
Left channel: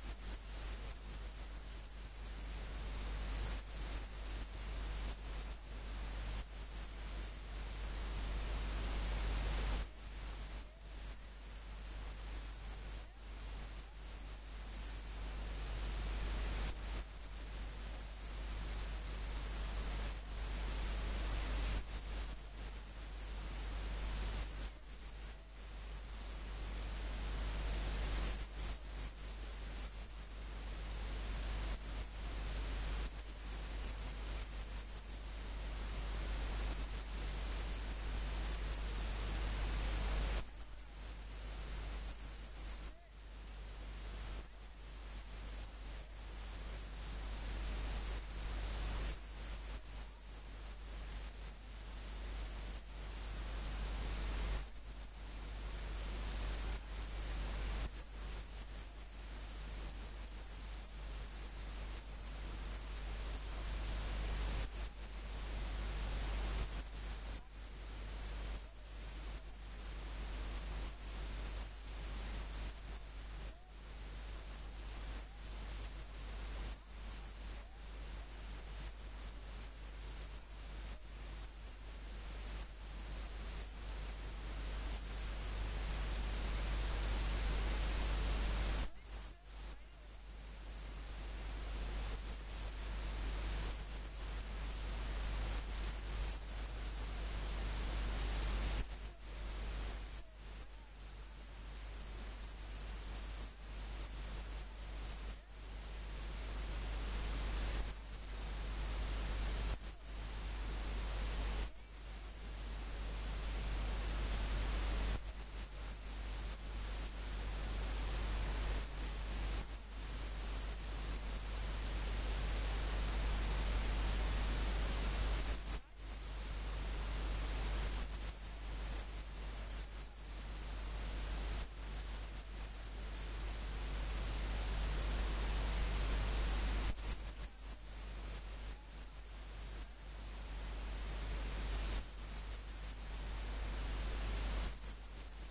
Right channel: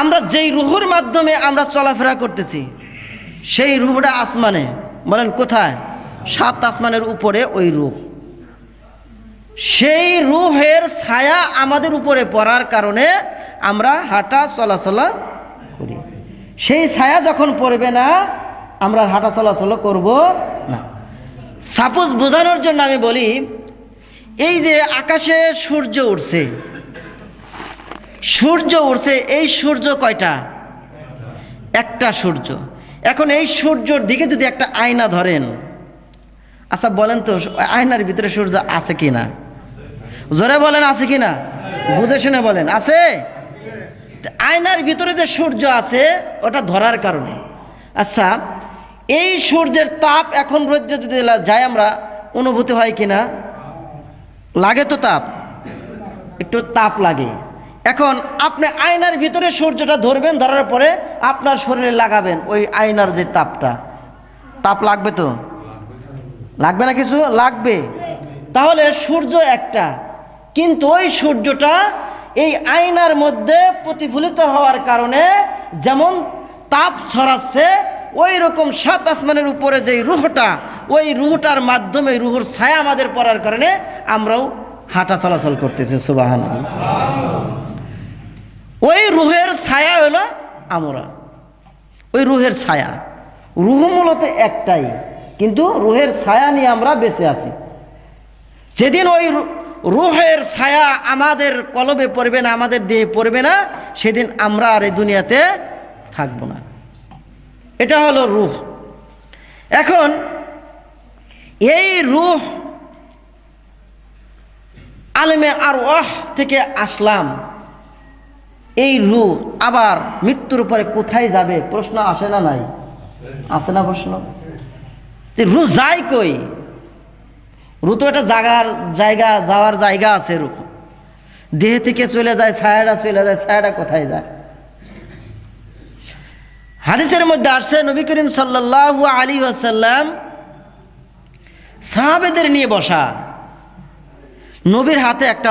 আমরা যেই রূহের মাধ্যমে আমরা চলাফেরা করতেছি, সেই রূহটা আসমানে। বলেন কোথায়? 7 আসমানের উপরে ওই রূহ। সেই রূহের ছায়া আমাদের উপরে পড়ার কারণে আমরা হাঁটা চলাচল করি। সেই ছায়া যখন পড়বে না, আমরা হাঁটা চলাচল করব না। সাপোজ বোঝানোর জন্য আমি বলি, এই যে আকাশে সূর্য উঠছে, এই সূর্য কয়টা? একটা সূর্য। এখন এই সূর্যর দিকে যদি একটা আয়না ধরেন, আচ্ছা বলেন তো আয়নার ভিতরে সূর্য আছে কিনা? জোরে বলেন আছে কিনা, বুঝে শুনে বলেন আছে। আয়নার ভিতরে যে সূর্য আছে ওটা ধরার কারণে। আচ্ছা এই সূর্যের তাপ এখন রৌদ্রে যদি যায় আমরা অনুভূতি হয় কিনা? লাগে তো, তাপ, একটু তাপ লাগে। এখন আপনি আয়নার ভিতরে সূর্যটা ধরবেন, ধরার পরে আপনার শরীরে লাগাবেন, ওই আয়নার যে তাপটা, তাপ লাগবে তো? লাগবে না? কিছু লাগবে। তাহলে সূর্য একটা, কিন্তু ওই সূর্যটা এই আয়নার মধ্যে প্রতিফলিত হওয়ার কারণে যেমন তাপ ছড়াচ্ছে, ওই রকম সাত আসমানের উপরে যে রুহটা, ওই রুহটার মাধ্যমে রুহুর ছায়া আমাদের পড়ার কারণে আমরাও হাঁটা চলাচল করতেছি। সুবহানাল্লাহ। ওই রুহের ছায়া হলো আমরা, ওই রুহের ছায়া। রুহ মূলত একটাই, কিন্তু রুহের ছায়া নিয়ে আমরা বেঁচে আছি। যেদিন ওই রুহের ছায়া আমাদের কলবে পড়বে না, আমাদের দেহে পড়বে না, সেদিন আমরা আর এই দুনিয়াতে থাকবো না। এটা হলো রুহ। এখন এই রুহ আলেমে আরওয়াহ থেকে আসলাম, এই রুহ আবার মৃত্যুর পরে কোথায় যাবে? প্রশ্ন আসে না? নাই আসে না প্রশ্ন? যে রুহ যায় কই? রুহ তো একটা জায়গা, যাওয়ার জায়গা আছে। রুহ দেহ থেকে চলে যায়, ছায়াটা চলে যায়, ছায়াটা কোথায় যায়? হাদিসের মধ্যে আসছে নবী করিম সাল্লাল্লাহু আলাইহি ওয়াসাল্লাম সাহাবেদের নিয়ে বসা, নবীর হাতে একটা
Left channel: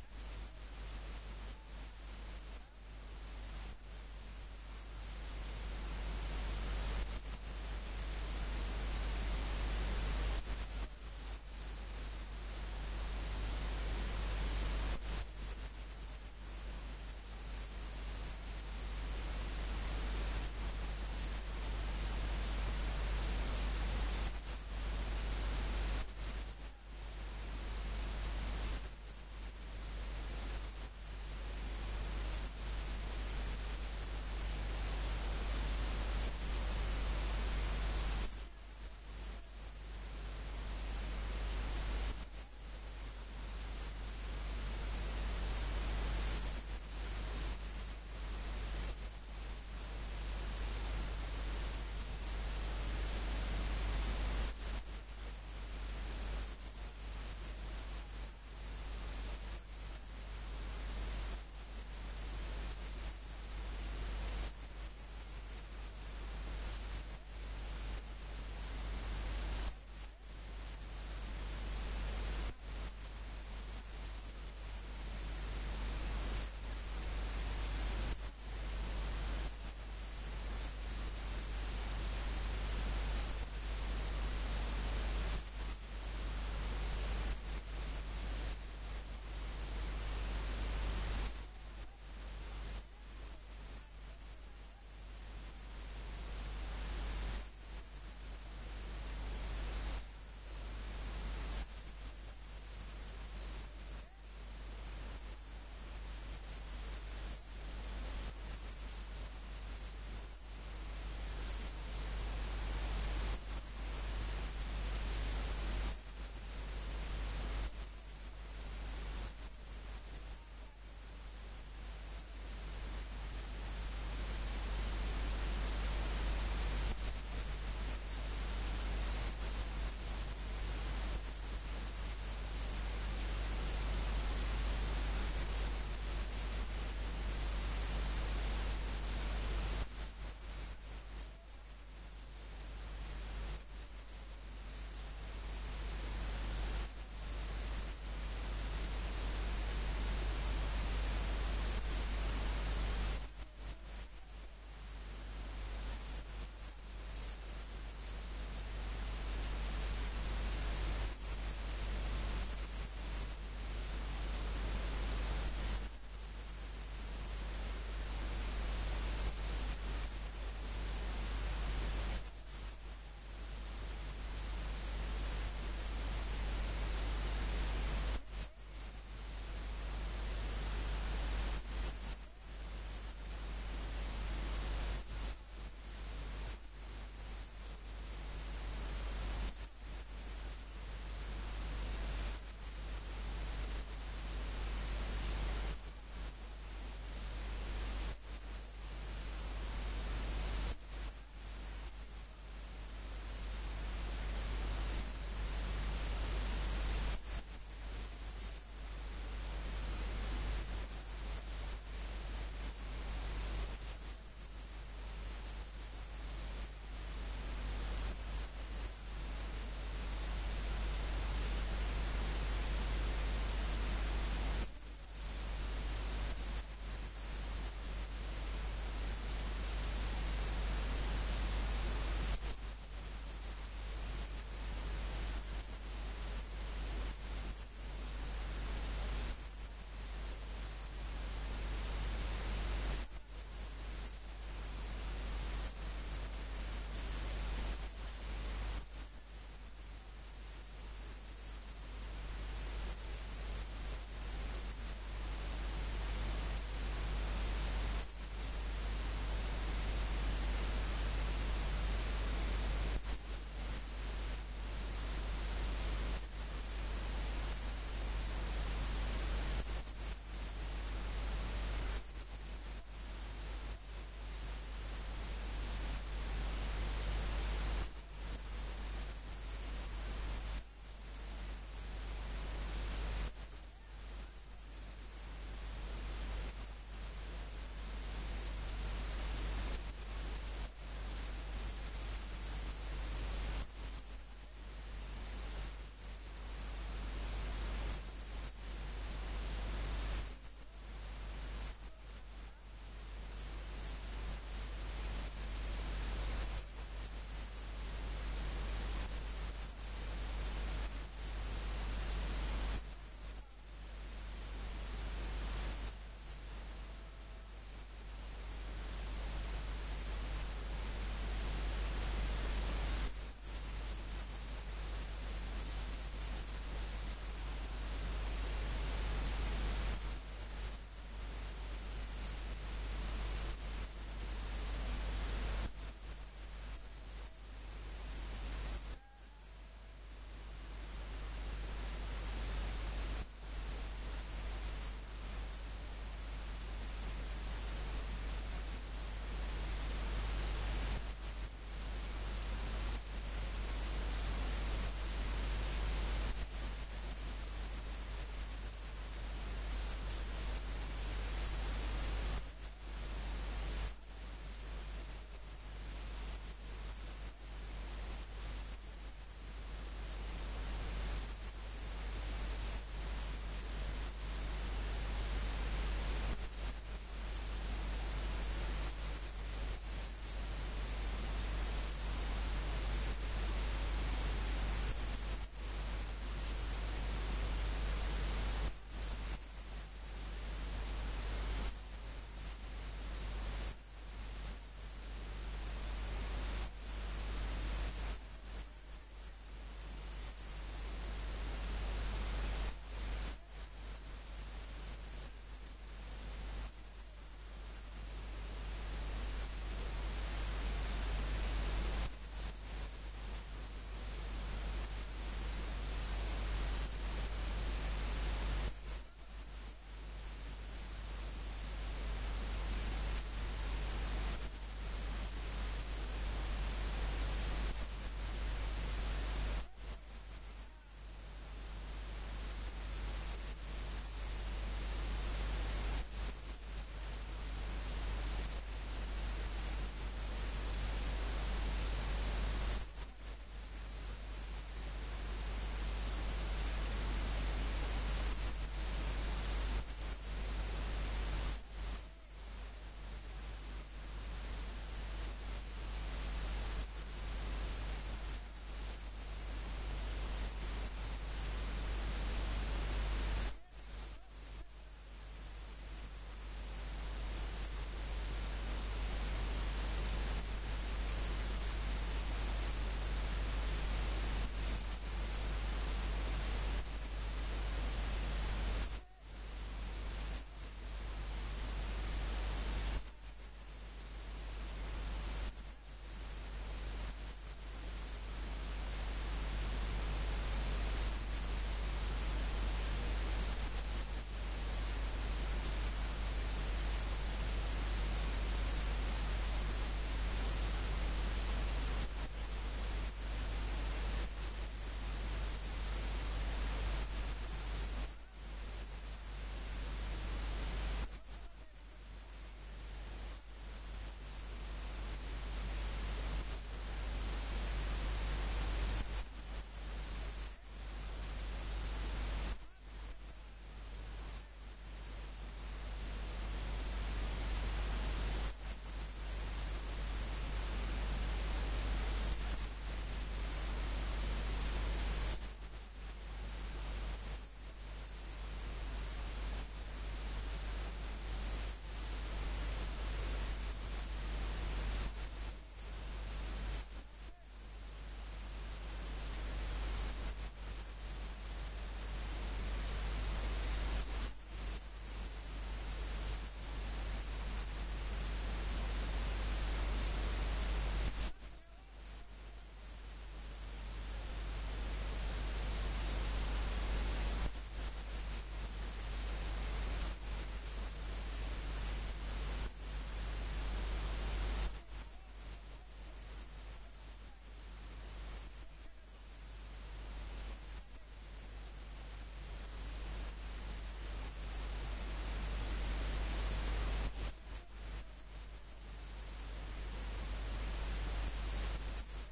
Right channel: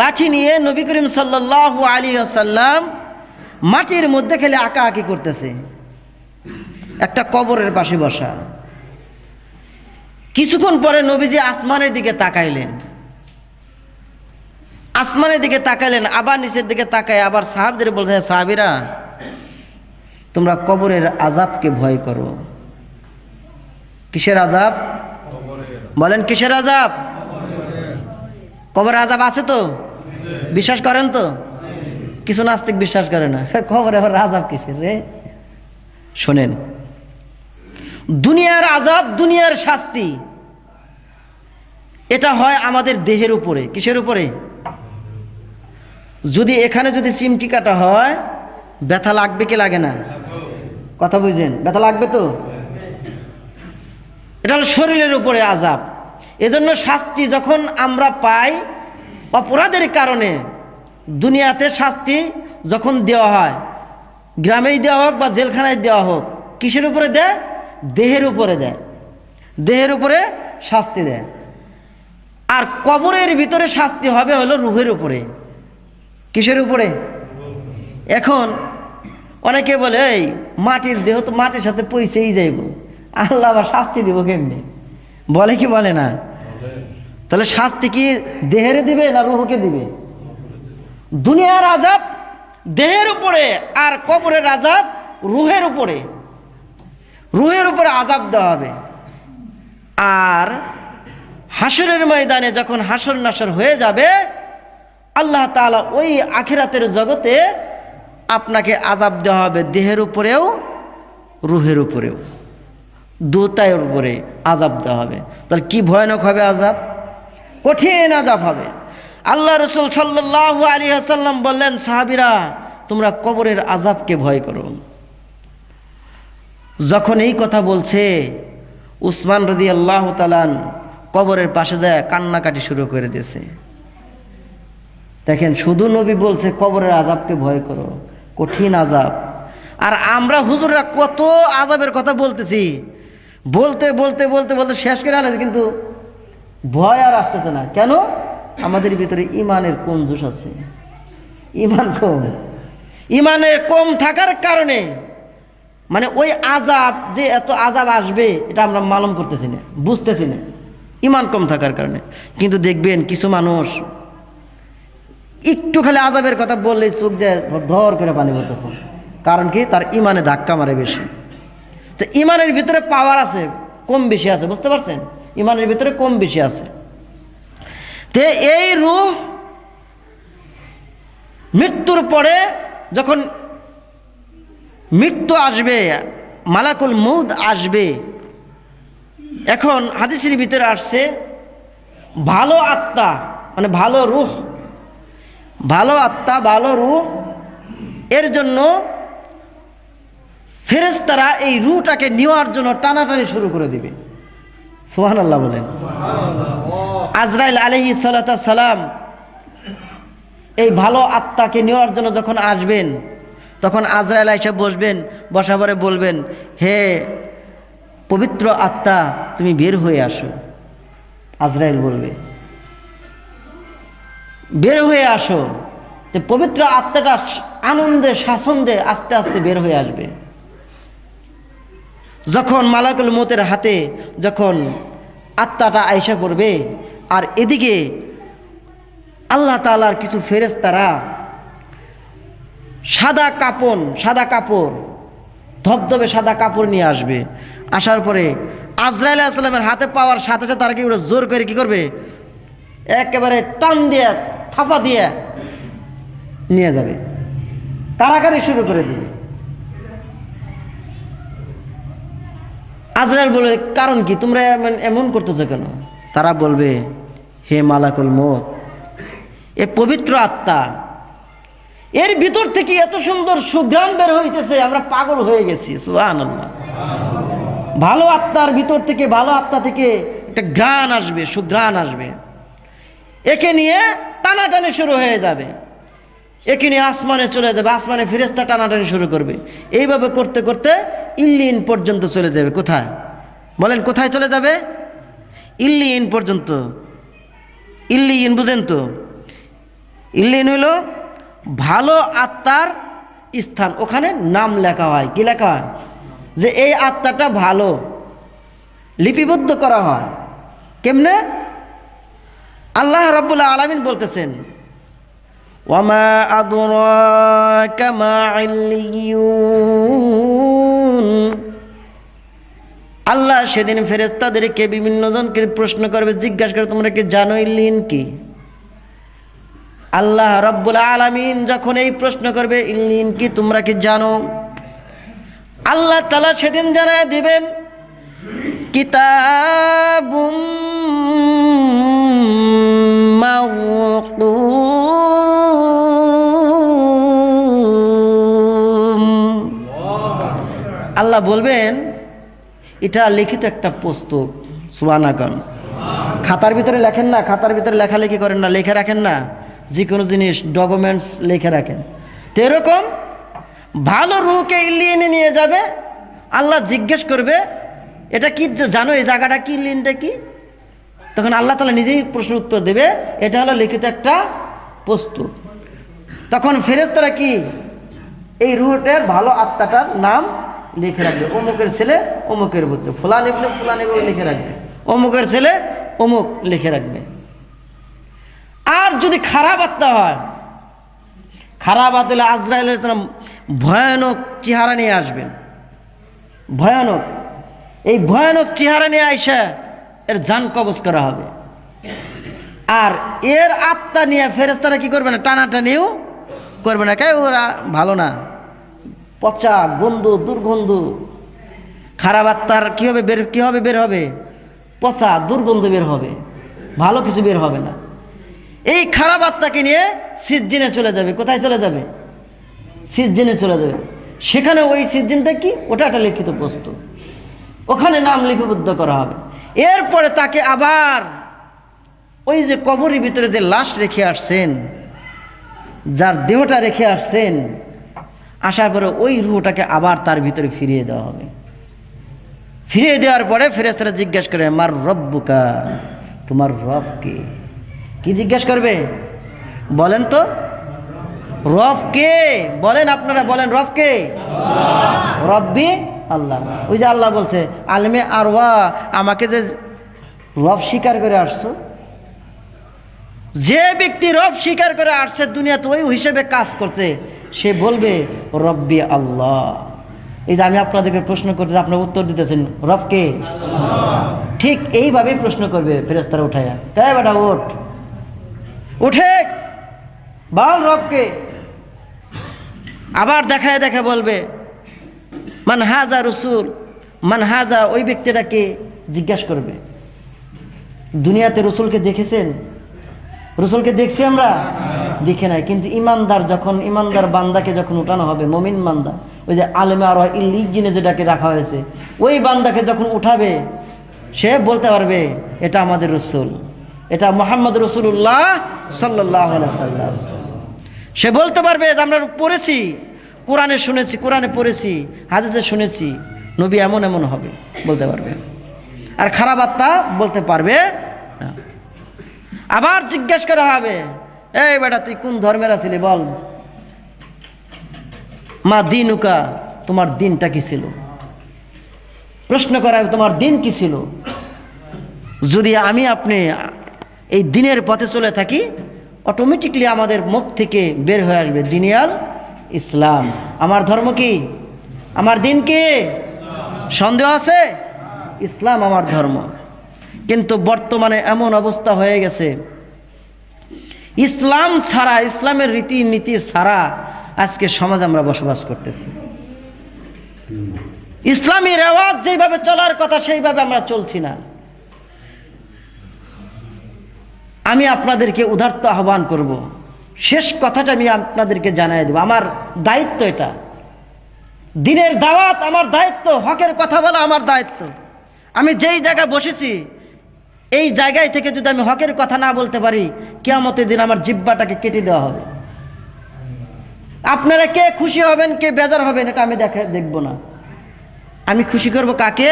লাঠি নিয়ে নবী করিম সাল্লাল্লাহু আলাইহি ওয়াসাল্লাম মাটির মধ্যে খেলে আঁকাআঁকি করতেছে, একটা কবরের পাশে বসা। কিছুক্ষণ পরে নবীজি আসমানের দিকে তাকাইলেন, আবার নিচের দিকে তাকায় আবার সাহাবদের বলছে, সাহাবীরা তোমরা কবরের আযাবকে ভয় করো। কিসের আযাব? বলেন কিসের আযাব? কবরের আযাব আছে তো? বিশ্বাস করেন তো? কিছু নাস্তিক বিশ্বাস করে না, কবরে আবার আযাব কিসের রে? শোনেন, দুনিয়ার আযাব, দুনিয়ার শাস্তি, এটা হয় আমাদের দেহের উপরে। কিসের উপরে? যদি এখানে যদি চিমটি কাটা হয়, ব্যথা লাগবে কি লাগে না? কথা বুঝেন, ব্যথা লাগবে তো? এটা হলো শরীরের উপরে আযাব। এজন্য শাস্তি যখন আমরা পাই অপরাধের কারণে, দুনিয়াতে শাস্তি যখন দেওয়া হয়, গ্রামেই দেওয়া হোক বা জেলখানায় দেওয়া হোক, কিসের উপরে দেয়? দেহের উপরে দেয়, দেহের উপরে শাস্তি দেয়। আর কবরের ভিতরে শাস্তি হবে হলো রুহের উপরে। কিসের উপরে? এখন অনেকে বলে এই মাটির দেহ তো মাটির সাথে পৌঁছেই যাইব, আল্লাহ আবার শাস্তি দিব কেমনি? বলে কি বলে না? তাহলে শাস্তি কি দেহের দিবে না রুহকে দিবে? দুনিয়ার আযাব দেহের উপরে, আর কবরের আযাব রুহের উপরে। রুহের উপরে আযাব দেওয়া হবে। আর হাসরের ময়দানে যখন হাসর নাসর হয়ে যাবে, আল্লাহ তাআলা ওই আখিরাতের জগতে আপনাকে আযাব দেওয়া হবে, দেহের উপরেও রুহের উপরেও, দুটার উপরে আযাব দেওয়া হবে। তাহলে কি ভয়ানক হবে আযাব? কঠিন আযাব হবে। আল্লাহ রাসূল সাল্লাল্লাহু আলাইহি ওয়াসাল্লাম বললেন, সাহাবীরা তোমরা কবরের আযাবকে ভয় করো। যখন এই কথা বলছে, উসমান রাদিয়াল্লাহু তাআলা কবরের পাশে যায় কান্নাকাটি শুরু করে দিয়েছে। দেখেন, শুধু নবী বলছে কবরের আযাবকে ভয় করো, কঠিন আযাব। আর আমরা হুজুররা কত আযাবের কথা বলতেছি, বলতে বলতে বলতে বলতে শেষ করে আনছে, কিন্তু ভয় আর আসতেছে না। কেন? আমাদের ভিতরে ইমানের কমজোর আছে, ইমান কম। ইমানের কম থাকার কারণে মানে ওই আযাব, যে এত আযাব আসবে এটা আমরা মালুম করতেছি না, বুঝতেছি না, ইমান কম থাকার কারণে। কিন্তু দেখবেন কিছু মানুষ একটু খালি আযাবের কথা বললেই চোখ দিয়ে ধর করে পানি পড়তেছে, কারণ কি? তার ইমানে ধাক্কা মারে বেশি। তো ইমানের ভিতরে পাওয়ার আছে, কম বেশি আছে, বুঝতে পারছেন? ইমানের ভিতরে কম বেশি আছে। তে এই রূহ মৃত্যুর পরে যখন মৃত্যু আসবে, মালাকুল মউত আসবে, এখন হাদিসের ভিতরে আসছে ভালো আত্মা মানে ভালো রূহ, ভালো আত্মা ভালো রূহ, এর জন্য ফেরেশতারা এই রূহটাকে নেওয়ার জন্য টানাটানি শুরু করে দিবে। সুবহানাল্লাহ বলেন। আজরাইল আলাইহিস সালাতু ওয়াস সালাম এই ভালো আত্মাকে নেওয়ার জন্য যখন আসবেন, তখন আজরাইল এসে বসবেন, বসা পরে বলবেন, হে পবিত্র আত্মা তুমি বের হয়ে আসো। আজরাইল বলবে বের হয়ে আসো। তো পবিত্র আত্মাটা আনন্দে স্বাচ্ছন্দ্যে আস্তে আস্তে বের হয়ে আসবে। যখন মালাকুল মউতের হাতে যখন আত্মাটা আয়সা করবে, আর এদিকে আল্লাহ তাআলার কিছু ফেরেশতারা সাদা কাপড় ধবধবে সাদা কাপড় নিয়ে আসবে। আসার পরে আজরাইল আলাইহিস সালামের হাতে পাওয়ার সাথে সাথে তারা কি করে জোর করে কি করবে, একেবারে টান দিয়ে থাপা দিয়ে নিয়ে যাবে, কারাকারি শুরু করে দিবে। আজরাইল বলে, কারণ কি? তোমরা এমন করতেছো কেন? তারা বলবে, হে মালাকুল মউত, এ পবিত্র আত্মা, এর ভিতর থেকে এত সুন্দর সুঘ্রাণ বের হইতেছে, আমরা পাগল হয়ে গেছি। সুবহানাল্লাহ। ভালো আত্মার ভিতর থেকে, ভালো আত্মা থেকে একটা ঘ্রাণ আসবে, সুঘ্রাণ আসবে, একে নিয়ে টানাটানি শুরু হয়ে যাবে, একে নিয়ে আসমানে চলে যাবে, আসমানে ফেরেশতা টানাটানি শুরু করবে। এইভাবে করতে করতে ইল্লিন পর্যন্ত চলে যাবে। কোথায় বলেন? কোথায় চলে যাবে? ইল্লিন পর্যন্ত। ইল্লিন বুঝেন তো? ইল্লিন হইল ভালো আত্মার স্থান, ওখানে নাম লেখা হয়। কি লেখা হয়? যে এই আত্মাটা ভালো, লিপিবদ্ধ করা হয়। কেমনে? আল্লাহ রাব্বুল আলামিন বলতেছেন, ওয়ামা আদরাকা মা ইল্লিয়ুন। আল্লাহ সেদিন ফেরেশতাদেরকে বিভিন্ন জনকে প্রশ্ন করবে, জিজ্ঞাসা করে, তোমরা কি জানো ইল্লিন কি? আল্লাহ রাব্বুল আলামিন যখন এই প্রশ্ন করবে, ইল্লিন কি তোমরা কি জানো? আল্লাহ তাআলা সেদিন জানায় দিবেন, কিতাবুম মাওকুম। আল্লাহ বলবেন, এটা লিখিত একটা পুস্তক। সুবহানাল্লাহ। খাতার ভিতরে লেখেন না, খাতার ভিতরে লেখালেখি করেন না, লেখা রাখেন না, যে কোনো জিনিস ডকুমেন্টস লিখে রাখেন। তো এরকম ভালো রূহকে ইল্লিনে নিয়ে যাবে। আল্লাহ জিজ্ঞেস করবে, এটা কি জানো? এই জায়গাটা কি? ইল্লিনটা কি? তখন আল্লাহ তাআলা নিজেই প্রশ্ন উত্তর দেবে, এটা হলো লিখিত একটা পুস্তক। তখন ফেরেশতারা কি এই রূহটার ভালো আত্মাটার নাম লিখে রাখবে। অমুকের ছেলে অমুকের পুত্র, ফুলান ইবনে ফুলান লিখে রাখবে, অমুকের ছেলে অমুক লিখে রাখবে। আর যদি খারাপ আত্মা হয়, খারাপ আত্মা আজরাইল আলাইহিস সালাম ভয়ানক চেহারা নিয়ে আসবেন। ভয়ানক, এই ভয়ানক চেহারা নিয়ে আইসা এর জান কবজ করা হবে। আর এর আত্মা নিয়ে ফেরেশতারা কি করবে না? টানাটানিও করবে না। কে? ওরা ভালো না, পচা গন্ধ, দুর্গন্ধ। খারাপ আত্মার কি হবে? বের হবে পচা দুর্গন্ধ বের হবে, ভালো কিছু বের হবে না। এই খারাপ আত্মাকে নিয়ে সিজ্জিনে চলে যাবে। কোথায় চলে যাবে? সিজ্জিনে চলে যাবে। সেখানে ওই সিজ্জিনটা কি? ওটা একটা লিখিত বস্তু, ওখানে নাম লিপিবদ্ধ করা হবে। এরপরে তাকে আবার ওই যে কবরের ভিতরে যে লাশ রেখে আসছেন, যার দেহটা রেখে আসছেন, আসার পরে ওই রূহটাকে আবার তার ভিতরে ফিরিয়ে দেওয়া হবে। ফিরিয়ে দেওয়ার পরে ফেরেশতারা জিজ্ঞাসা করে, মার রব্বুকা, তোমার রব কে? কি জিজ্ঞেস করবে? বলেন তো, রব কে? বলেন, আপনারা বলেন, রব কে? রব্বি আল্লাহ। ওই যে আল্লাহ বলছে আলেমে আরওয়া, আমাকে যে রব স্বীকার করে আসছো, যে ব্যক্তি রব স্বীকার করে আসছে দুনিয়াতে, ওই হিসেবে কাজ করছে, সে বলবে রব্বি আল্লাহ। এই যে আমি আপনাদেরকে প্রশ্ন করতে, আপনারা উত্তর দিতেছেন রবকে, ঠিক এইভাবেই প্রশ্ন করবে ফেরেশতারা উঠাইয়া, তাই বেটা ওঠ, উঠে বল রবকে। আবার দেখায় দেখে বলবে মান হাজা রসুল, মান হাজা, ওই ব্যক্তিটাকে জিজ্ঞাসা করবে। দুনিয়াতে রসুলকে দেখেছেন? রসুলকে দেখছি আমরা? দেখে নাই। কিন্তু ইমানদার যখন, ইমানদার বান্দাকে যখন উঠানো হবে, মুমিন বান্দা, ওই যে আলেমে আর ইল্লিজিনে যেটাকে রাখা হয়েছে, ওই বান্দাকে যখন উঠাবে সে বলতে পারবে এটা আমাদের রসুল, এটা মুহাম্মদ রাসূলুল্লাহ সাল্লাল্লাহু আলাইহি ওয়াসাল্লাম। সে বলতে পারবে আমরা পড়েছি, কোরআনে শুনেছি, কোরআনে পড়েছি, হাদিসে শুনেছি, নবী এমন এমন হবে, বলতে পারবে। আর খারাপ আত্মা বলতে পারবে না। আবার জিজ্ঞেস করা হবে, এই বেটা তুই কোন ধর্মের আছিলি বল, মা দিনুকা, তোমার দিনটা কি ছিল? প্রশ্ন করা হবে তোমার দিন কি ছিল। যদি আমি আপনি এই দিনের পথে চলে থাকি, অটোমেটিকলি আমাদের মুখ থেকে বের হয়ে আসবে দিনিয়াল ইসলাম। আমার ধর্ম কি? আমার দিন কি? সন্দেহ আছে? ইসলাম আমার ধর্ম। কিন্তু বর্তমানে এমন অবস্থা হয়ে গেছে, ইসলাম ছাড়া, ইসলামের রীতি নীতি ছাড়া আজকে সমাজ আমরা বসবাস করতেছি। ইসলামী রেওয়াজ যেভাবে চলার কথা সেইভাবে আমরা চলছি না। আমি আপনাদেরকে উদারত আহ্বান করব, শেষ কথাটা আমি আপনাদেরকে জানাই দেব, আমার দায়িত্ব এটা, দিনের দাওয়াত আমার দায়িত্ব, হকের কথা বলা আমার দায়িত্ব। আমি যেই জায়গায় বসেছি এই জায়গায় থেকে যদি আমি হকের কথা না বলতে পারি, কিয়ামতের দিন আমার জিহ্বাটাকে কেটে দেওয়া হবে। আপনারা কে খুশি হবেন, কে বেজার হবেন, এটা আমি দেখব না। আমি খুশি করব কাকে?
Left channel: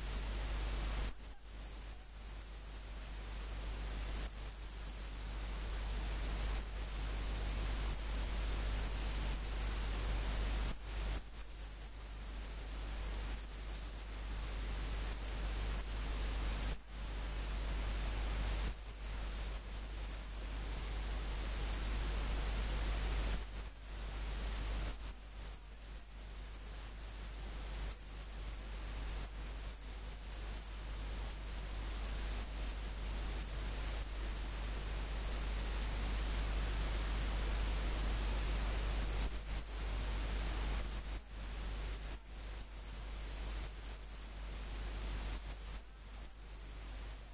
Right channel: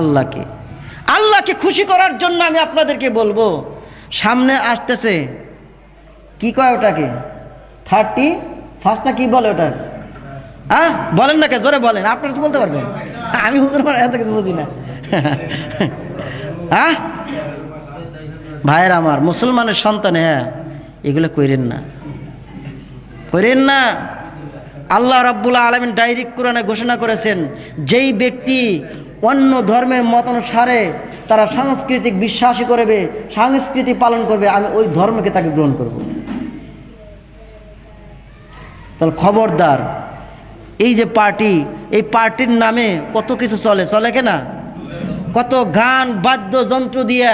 আল্লাহকে। আল্লাহকে খুশি করার জন্য আমি আপনাদেরকে বলবো, সামনে আসতেছে কি কয় ওটাকে, 31 না কি বলে ওটা, হ্যাঁ বলেন না কে, জোরে বলেন, আপনারা তো বলতে পারবেন, আমি হুজুর এত কিছু বুঝি না। হ্যাঁ ভাইয়ের আমার, মুসলমানের সন্তান, হ্যাঁ এগুলো কইরেন না, কইরেন না। আল্লাহ রাব্বুল আলামিন ডাইরেক্ট কোরআনে ঘোষণা করেছেন, যেই ব্যক্তি অন্য ধর্মের মতানুসারে তারা সাংস্কৃতিক বিশ্বাসী করবে, সংস্কৃতি পালন করবে, আমি ওই ধর্মকে তাকে গ্রহণ করব। তাহলে খবরদার, এই যে পার্টি, এই পার্টির নামে কত কিছু চলে, চলে কিনা? কত গান বাদ্যযন্ত্র দিয়ে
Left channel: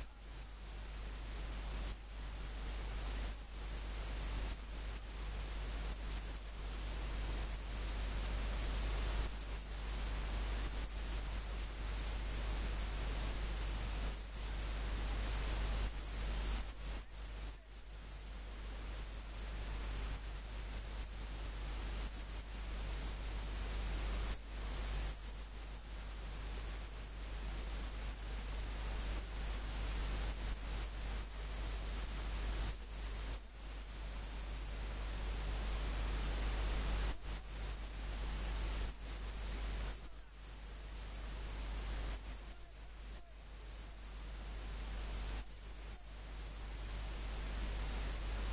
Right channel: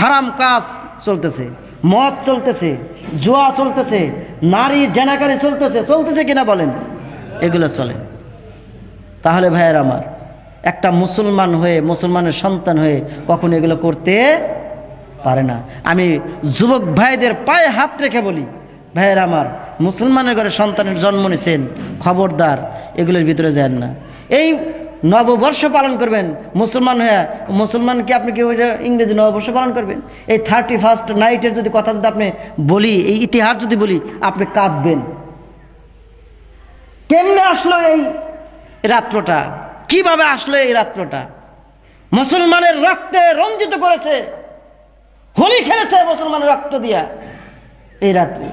হারাম কাজ চলতেছে, মদ চলতেছে, জুয়া চলতেছে, নারী জেনাকারী চলতেছে, চলতেছে কিনা বলেন? এগুলো চলে। তাহলে ভাইয়ের আমার, একটা মুসলমান হয়ে, মুসলমানের সন্তান হয়ে কখনো এগুলো করতে পারে না। আমি যুবক ভাইদের পায়ে হাত রেখে বলি, ভাইয়ের আমার, মুসলমানের ঘরে সন্তানের জন্ম নিয়েছেন, খবরদার এগুলোর ভিতরে যান না। এই নববর্ষ পালন করবেন মুসলমান হয়ে, মুসলমান কি আপনি কি ওই ইংরেজি নববর্ষ পালন করবেন? এই 31st নাইটের যদি কথা যদি আপনি বলি, এই ইতিহাস যদি বলি, আপনি কাঁদবেন। কেমনে আসলো এই রাত্রটা, কিভাবে আসলো এই রাত্রটা? মুসলমানের রক্তে রঞ্জিত করেছে, হোলি খেলেছে মুসলমানের রক্ত দিয়া এই রাত্রে।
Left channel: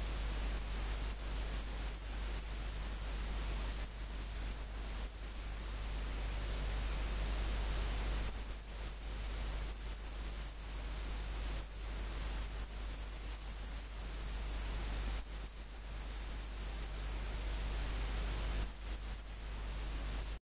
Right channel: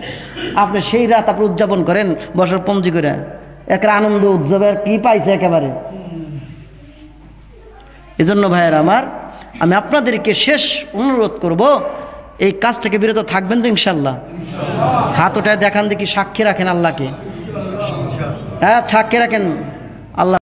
আপনি সেই রাত আপনি উদযাপন করেন বছর পঞ্জি করে, একটা আনন্দ উৎসবের কি পাইছে একেবারে। এজন্য ভাইয়ের আমার, আমি আপনাদেরকে শেষ অনুরোধ করব, এই কাজ থেকে বিরত থাকবেন তো ইনশাল্লাহ? হাত ওটায় দেখান দেখি, সাক্ষী রাখেন আল্লাহকে, হ্যাঁ সাক্ষী রাখেন আল্লাহ।